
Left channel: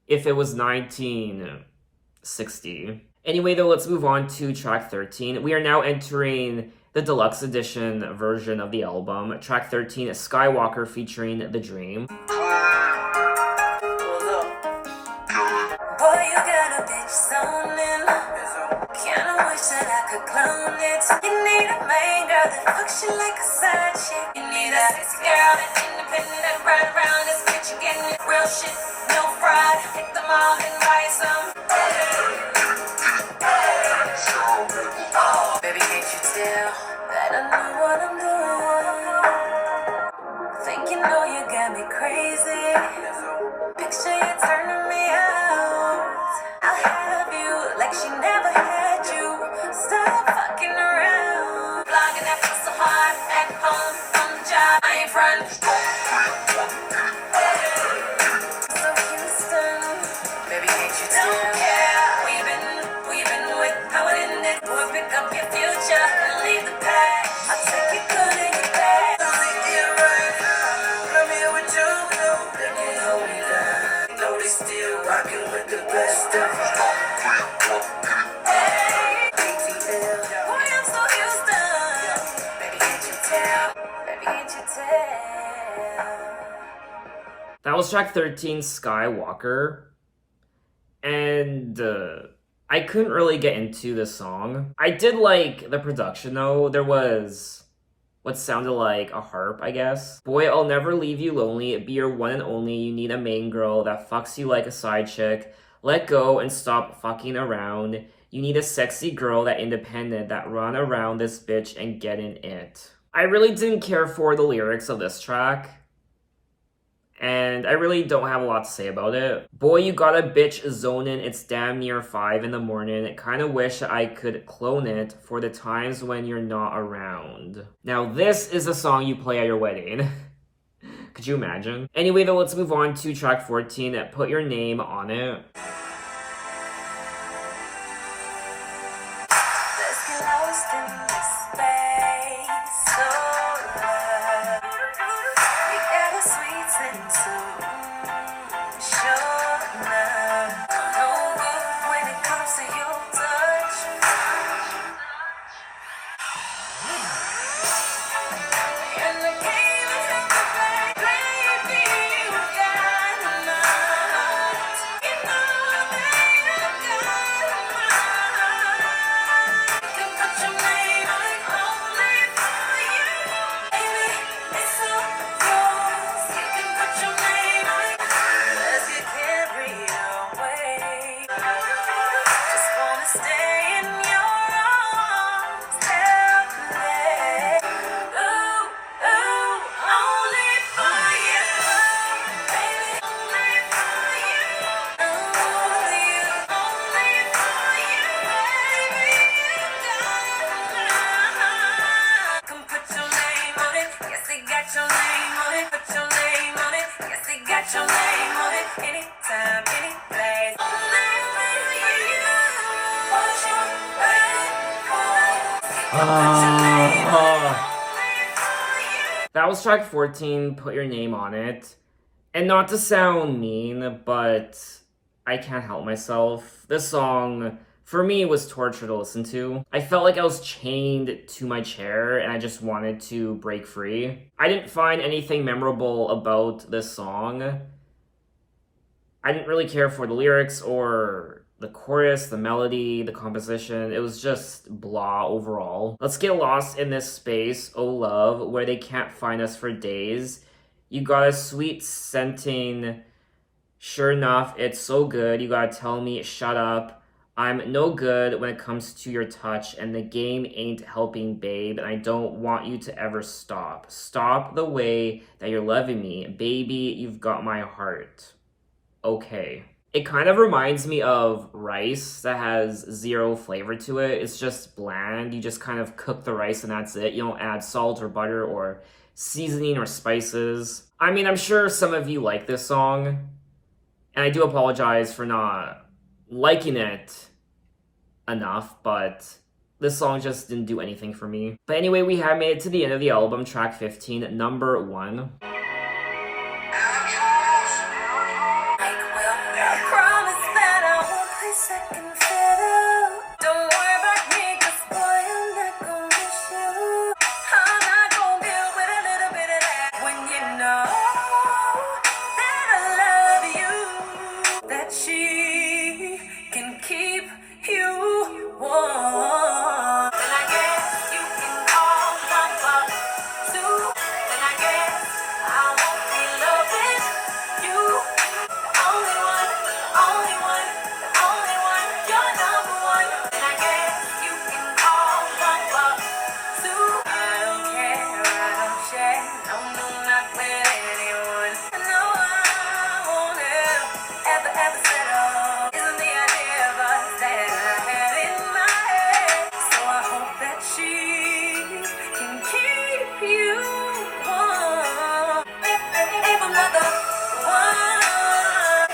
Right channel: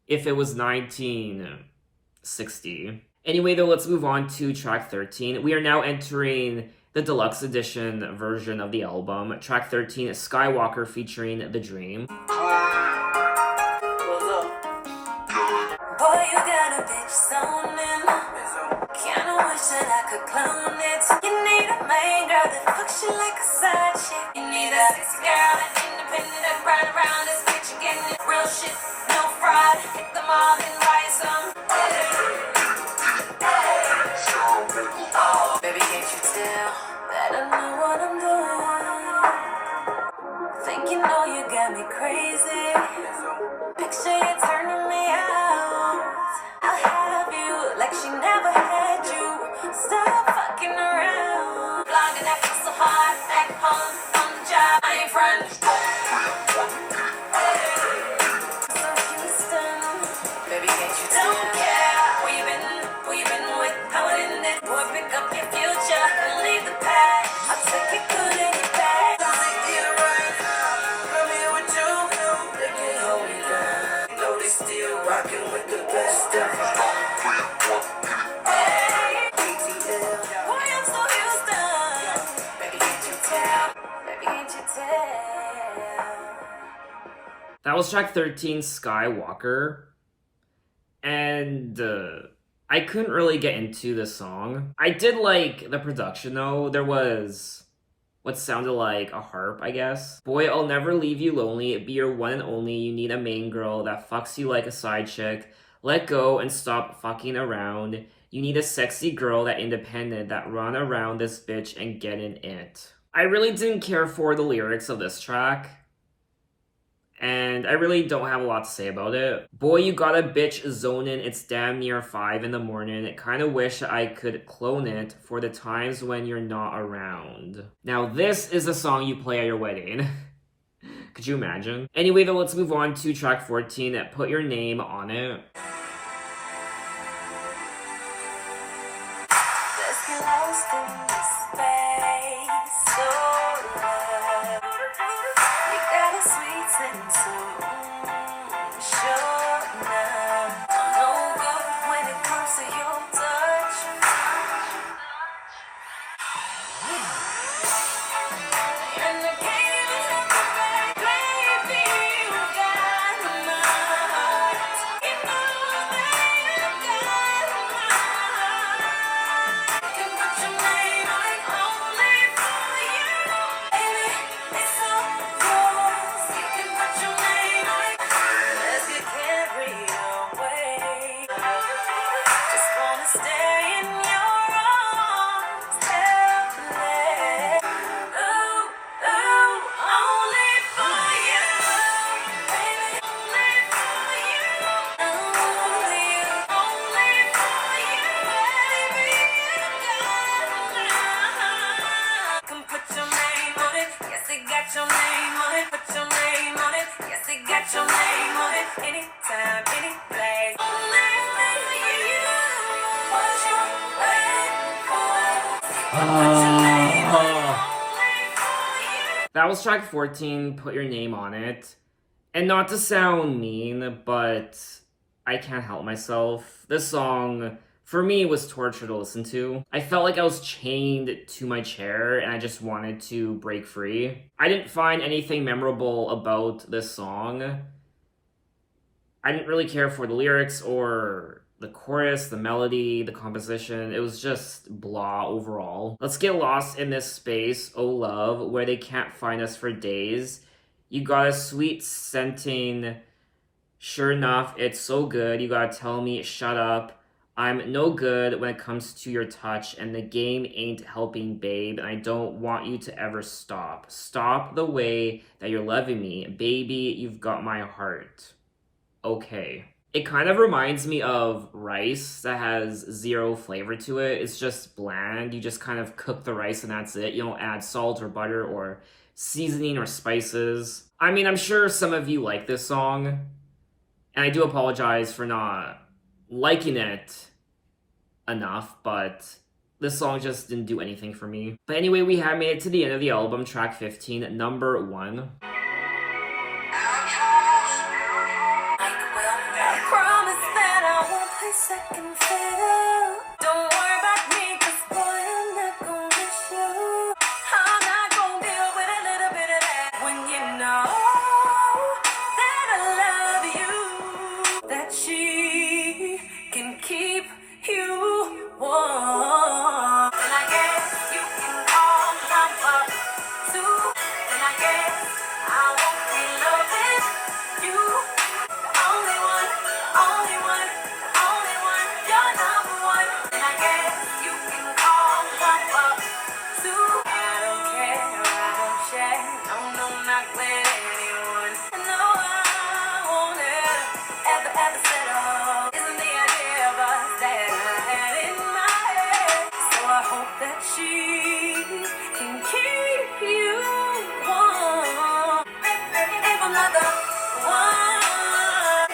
if it was 1960. Anyway, though, let's move on to track 13. We are now entering the deluxe edition version of the album. Track 13 is Skywalker featuring The Dream. Boy, you got a bitch stoning. Kinda wish that I could clone it. You need a main girl that fucks you like a side chick. You need a sexy girl that's independent and right around this bitch. You getting it real shit, no fraud. Hit them all and buy some. Baby, can't you tell that I know what I'm doing? Think you know you got me crazy. Picture you turning me out. I'll have you like she never had you. Stop fucking around. Logging that fuss so hard. At home, on the job, I ain't front. So Houston, baby, can't you tell? Don't care where you been with, how it ended. Boy, pick up your future and leave the past. I'll take it good and get back. Don't make it right. Let me hear what you do. They can't hold me down. Know they still rockin' with the best of them. Hey, ATL. Boy, I'm so Houston. Baby, can't you tell? Baby, can't you tell? That was track 13, Skywalker. And I couldn't really get into this song. I did like the production, though. There was what sounded like a harp, I guess. Boy, I'll never leave you lonely. Be your one and only. You need a main girl that fucks you like a side chick. Let go and stop fucking around. You need a sexy girl that independent, that run around this bitch and get in it. I really didn't care for the lyrics of this track. And I really don't have a lot to say about it. Boy, you got a bitch zoning. It's damn near 5 in the morning. Kinda wish I could clone it for the times when you're not around. Now, this is a song you play at your wedding. Could you imagine? Anyway, though, let's move on to track 14, Put Your Name on It. Let's get lost in the space, so love. We got a sweet sense of sure enough. No good when it comes to your touch. And the game is not the right, baby. You got my heart. You know they put your name on it. Yes, they got your name on it. Anytime, any place. Only for you. What's your That was track 14, Put Your Name on It. And not to sound mean, but I can't help myself. This song, for me, was torture to listen to. I felt like I was chained to my chair and I just wanted to break free. I didn't find anything memorable about this song. I didn't really care for the lyrics or the chorus, the melody, the composition. It was just blah overall. Let's get lost in this space, oh love, where they can't find us for days. You got a sweet scenting. Sure enough, it's so good. You gotta tell me, shut up. I'm no good when it comes to your touch, and the game ain't helping, babe, and I don't want you to ever stop. Stop the way that you're loving me. Baby, you've got my heart. Okay. It kind of reminds me of rice that has zero flavor to it. It's just bland. You just kind of cook the rice and that's it. You don't add salt or butter or seasoning or spices. I mean, I'm sure some of you like this song, and I do apologize for not liking it enough, but this song just didn't do anything for me. But anyway, we have made it to the end of the album, track 15, number 1. Second fiddle. Don't worry about me, 'cause boy, I'm not gonna miss you. I'm not gonna deal with a little bit of that. When you know that I love you, that she can keep you warm. Then I guess you can call number 2. Then I guess I won't be loving you. The only one, only one. You're number 1, and I guess you can call number 2. I don't care, I don't share, no, not with anyone. No, I won't ever settle. Isn't the idea of us that I had in my head? So I hope that she can keep you warm. If I'm not the one,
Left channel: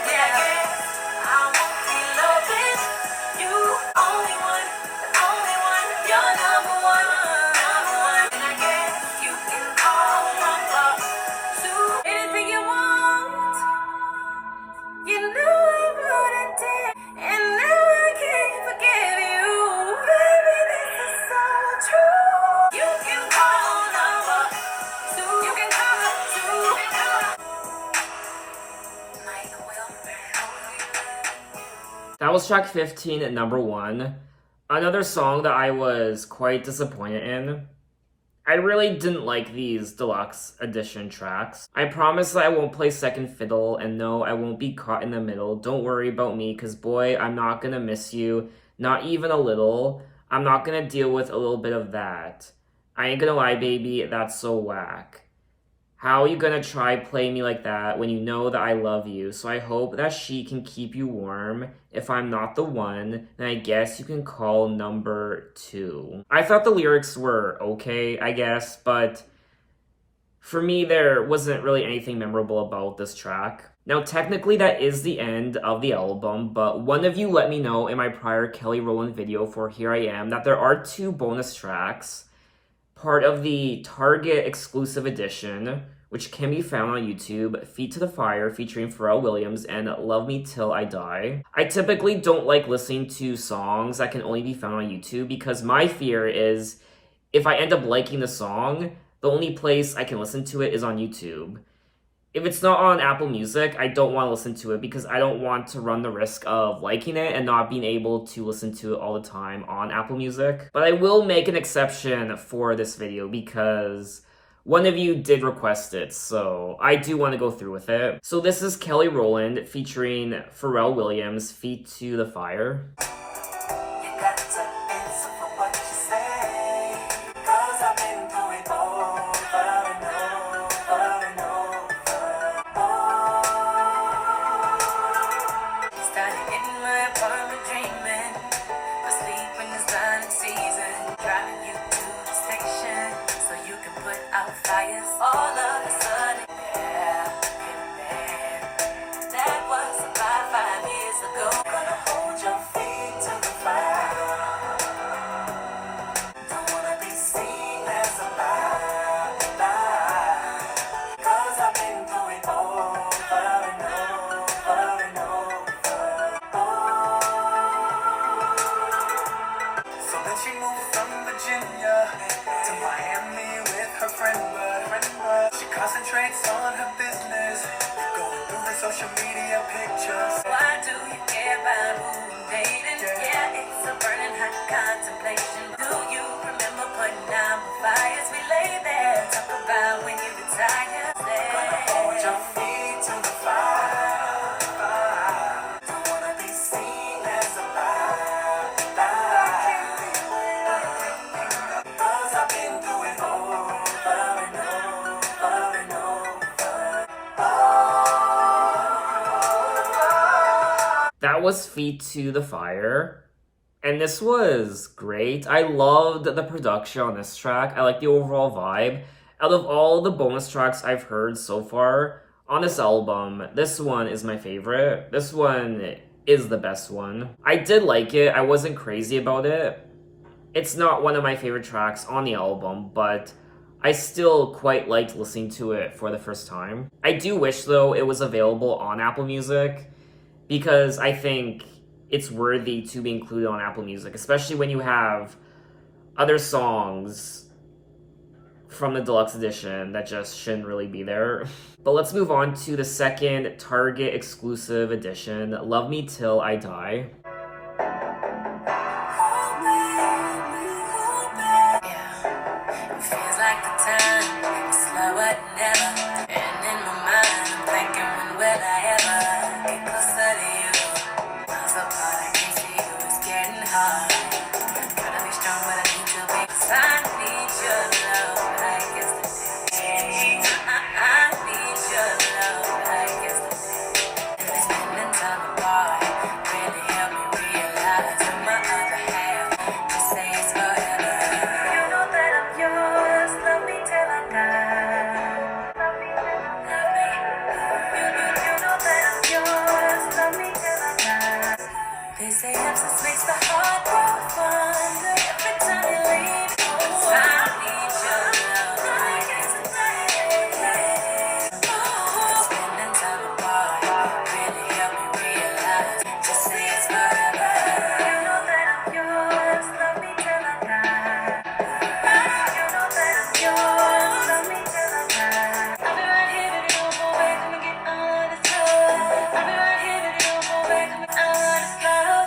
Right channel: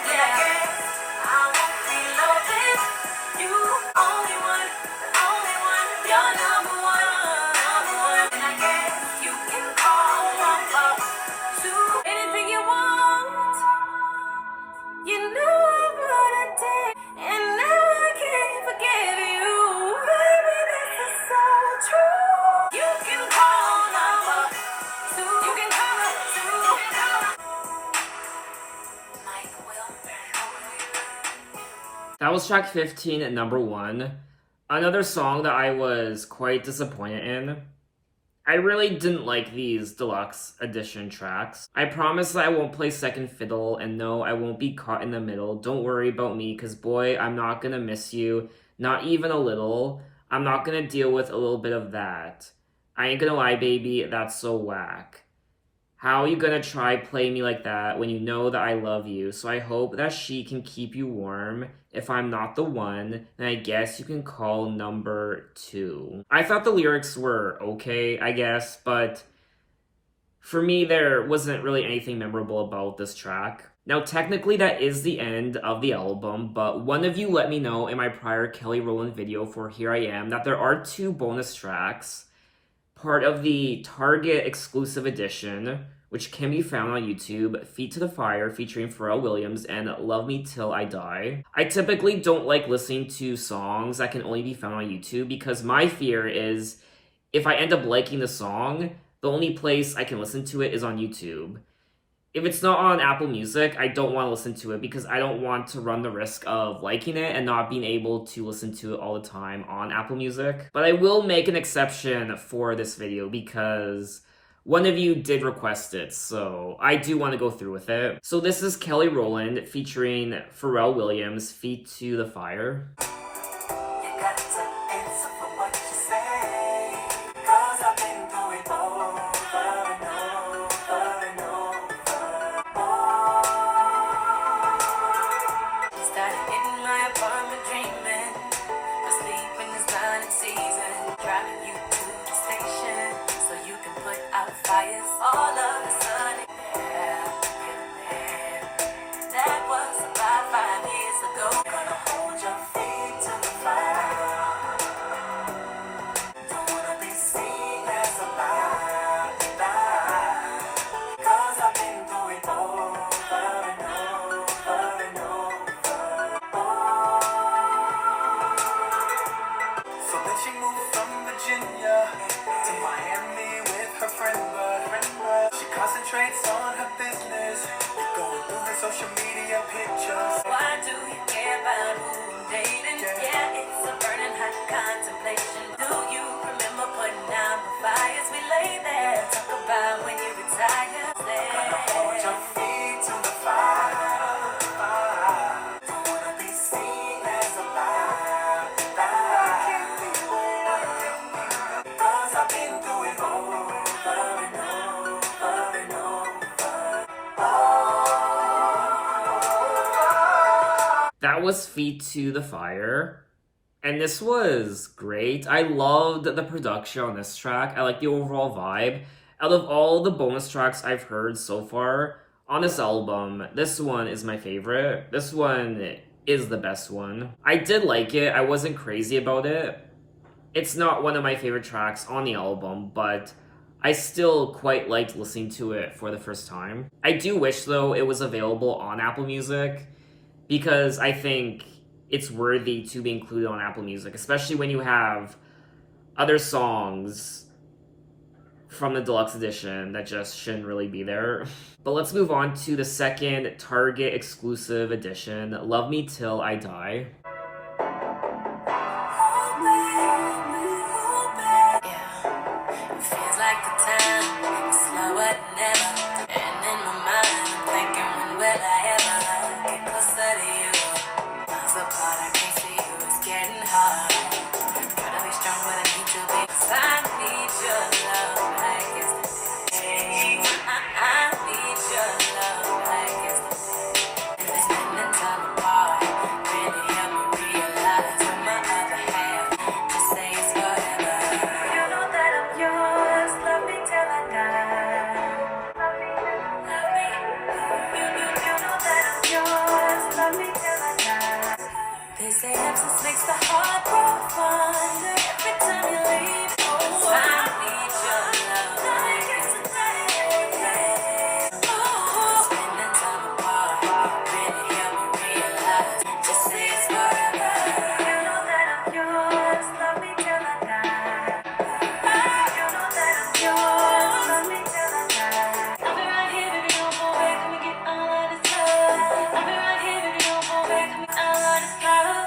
yeah, I guess I won't be loving you. Only one, the only one. You're number 1, number 1. And I guess you can call number 2. Anything you want, you know I'm gonna take. And now I can't forget you. Baby, this is so true. You can call number 2. You can call it 2. Mike will. That was track 15 at number 1. Another song that I was quite disappointed in. I really didn't like these deluxe edition tracks. I promise that I won't play second fiddle, and no, I won't be caught in the middle. Don't worry about me, cause boy, I'm not gonna miss you. Not even a little. I'm not gonna deal with a little bit of that. I ain't gonna lie, baby, that's so whack. How you gonna try play me like that when you know that I love you? So I hope that she can keep you warm. If I'm not the one, then I guess you can call number 2. I thought the lyrics were okay, I guess, but for me, there wasn't really anything memorable about this track. Now, technically, that is the end of the album, but one of you let me know in my prior Kelly Rowland video for Here I Am that there are 2 bonus tracks, part of the Target exclusive edition, which can be found on YouTube, Feet to the Fire featuring Pharrell Williams and Love Me Till I Die. I typically don't like listening to songs that can only be found on YouTube because my fear is if I end up liking the song, the only place I can listen to it is on YouTube. If it's not on Apple Music, I don't want to listen to it because I don't want to run the risk of liking it and not being able to listen to it all the time on Apple Music. But I will make an exception for this video because one of you did request it, so I do want to go through with it. So this is Kelly Rowland featuring Pharrell Williams, Feet to the Fire. You got to answer for what you say, 'cause I've been through it over and over and over. Started hitting my apartment dreaming, but sleeping is not in season. Driving you to the station so you can put out fires all of a sudden. on her business. Going through the social media pictures. Why do you care about who you dating? Yeah, it's a burning hot contemplation. Do you remember putting out the fires? We lay there, talk about when you retire. Gonna hold your feet to the fire. Don't wanna be seen as a liar. Cause I've been through it over and over and over. That was Feet to the Fire. And this was great. I loved the production on this track. I like the overall vibe. Out of all the bonus tracks I've heard so far on this album, this one is my favorite. This one is the best one. I did like it. I wasn't crazy about it. It's not one of my favorite tracks on the album, but I still quite liked listening to it for the first time. I do wish, though, it was available on Apple Music, because I think it's worthy to be included on Apple Music, especially when you have other songs from the deluxe edition that just shouldn't really be there. But let's move on to the second Target exclusive edition, Love Me Till I Die. Feels like the time is slower than ever. And in my mind, I'm thinking, when will I ever get closer to you? Miles apart, I can see you, it's getting hard. Gotta be strong, but I need to be. 'Cause I need your love like yesterday. I need your love like yesterday. And this moment time apart really helped me realize that my other half just say it's forever. You know that I'm yours, love me till I die. Love me, love me. You know that I'm yours, love me till I die. They say absence makes the heart grow fonder. Every time you leave, oh, I need your love like yesterday. Spending time apart really helped me realize just say it's forever. You know that I'm yours, love me till I die. You know that I'm yours, love me till I die. I'll be right here, baby, don't go away, let me get all of this love. I'll be right here, baby, don't go away, let me get all of this love.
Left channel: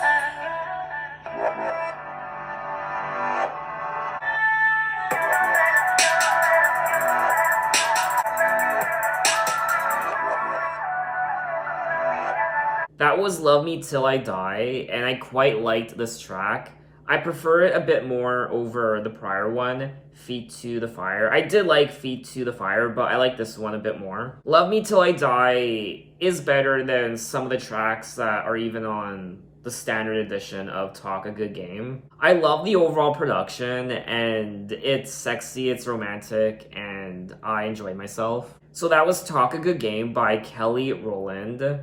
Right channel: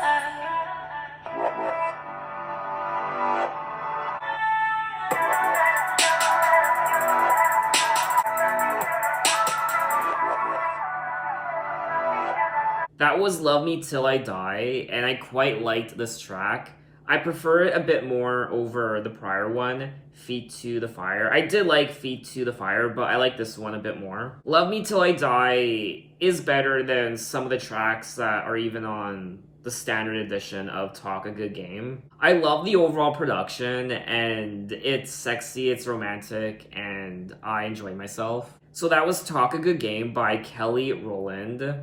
That was Love Me Till I Die, and I quite liked this track. I prefer it a bit more over the prior one, Feet to the Fire. I did like Feet to the Fire, but I like this one a bit more. Love Me Till I Die is better than some of the tracks that are even on the standard edition of Talk a Good Game. I love the overall production, and it's sexy, it's romantic, and I enjoy myself. So that was Talk a Good Game by Kelly Rowland.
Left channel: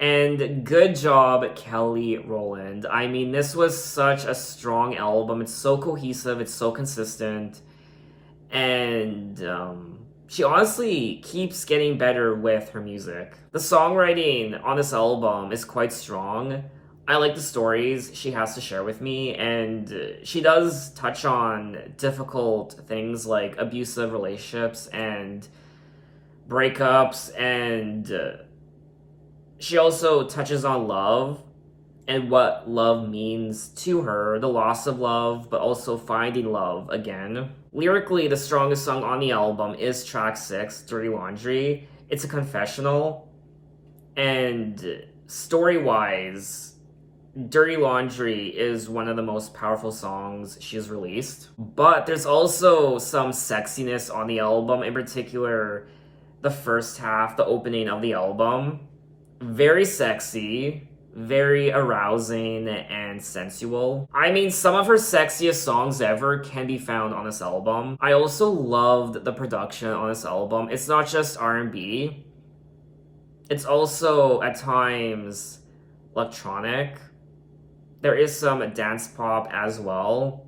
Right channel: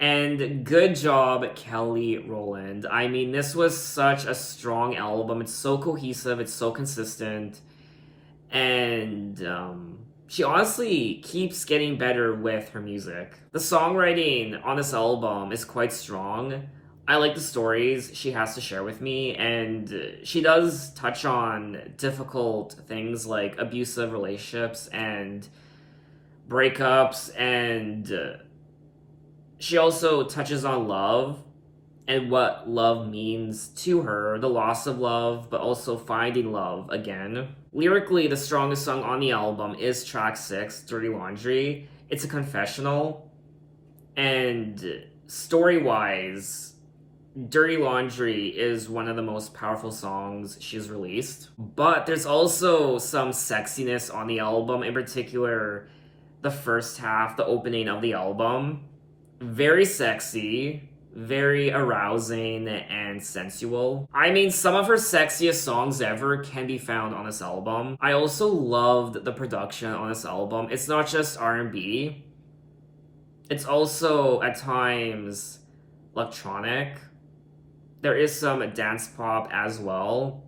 And good job, Kelly Rowland. I mean, this was such a strong album. It's so cohesive, it's so consistent. And she honestly keeps getting better with her music. The songwriting on this album is quite strong. I like the stories she has to share with me, and she does touch on difficult things like abusive relationships and breakups, and she also touches on love and what love means to her, the loss of love, but also finding love again. Lyrically, the strongest song on the album is track 6, Dirty Laundry. It's a confessional, and story-wise, Dirty Laundry is one of the most powerful songs she's released. But there's also some sexiness on the album, in particular, the first half, the opening of the album. Very sexy, very arousing, and sensual. I mean, some of her sexiest songs ever can be found on this album. I also loved the production on this album. It's not just R&B. It's also, at times, electronic. There is some dance pop as well.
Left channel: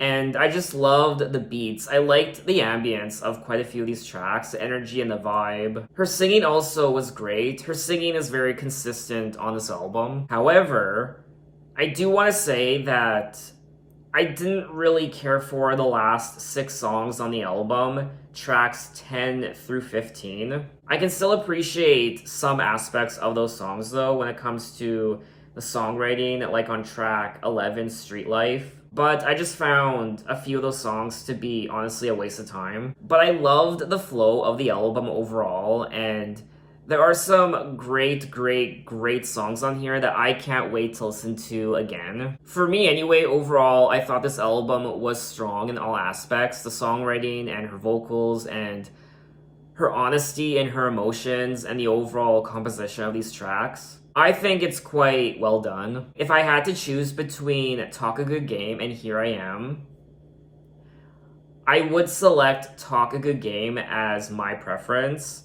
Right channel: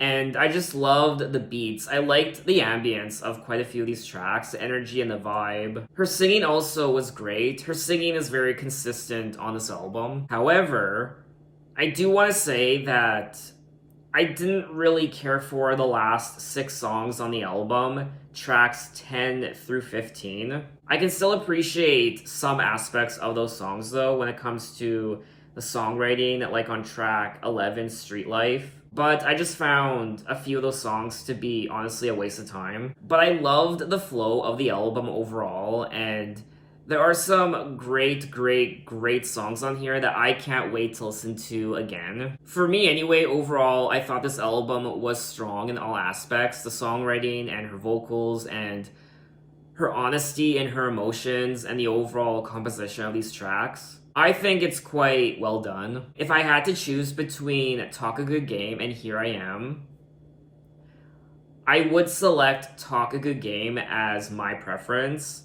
And I just loved the beats. I liked the ambience of quite a few of these tracks, the energy and the vibe. Her singing also was great. Her singing is very consistent on this album. However, I do want to say that I didn't really care for the last 6 songs on the album, tracks 10 through 15. I can still appreciate some aspects of those songs though when it comes to the songwriting, like on track 11, Street Life. But I just found a few of those songs to be honestly a waste of time. But I loved the flow of the album overall, and there are some great songs on here that I can't wait to listen to again. For me anyway, overall, I thought this album was strong in all aspects. The songwriting and her vocals and her honesty and her emotions and the overall composition of these tracks. I think it's quite well done. If I had to choose between Talk a Good Game and Here I Am, I would select Talk a Good Game as my preference.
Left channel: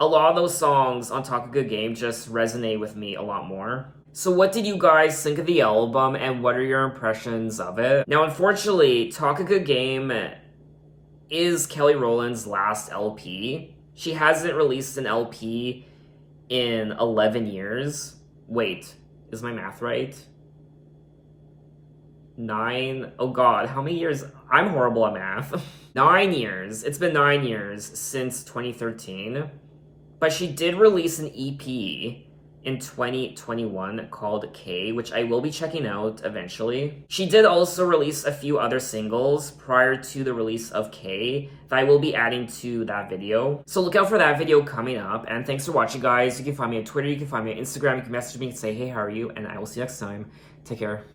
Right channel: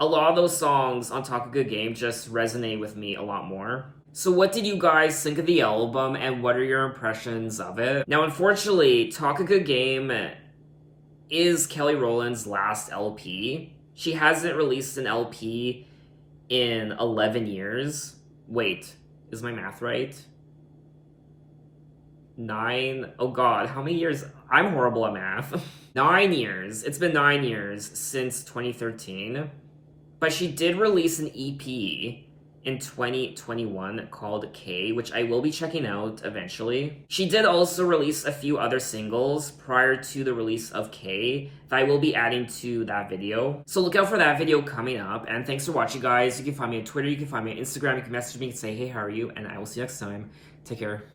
A lot of those songs on Talk a Good Game just resonate with me a lot more. So what did you guys think of the album and what are your impressions of it? Now, unfortunately, Talk a Good Game is Kelly Rowland's last LP. She hasn't released an LP in 11 years. Wait, is my math right? 9? Oh god, how many years? I'm horrible at math. 9 years. It's been 9 years since 2013. But she did release an EP in 2021 called K, which I will be checking out eventually. She did also release a few other singles prior to the release of K that I will be adding to that video. So look out for that video coming up, and thanks for watching, guys. You can find me on Twitter, you can find me on Instagram, you can message me and say, hey, how are you? And I will see you next time. Take care.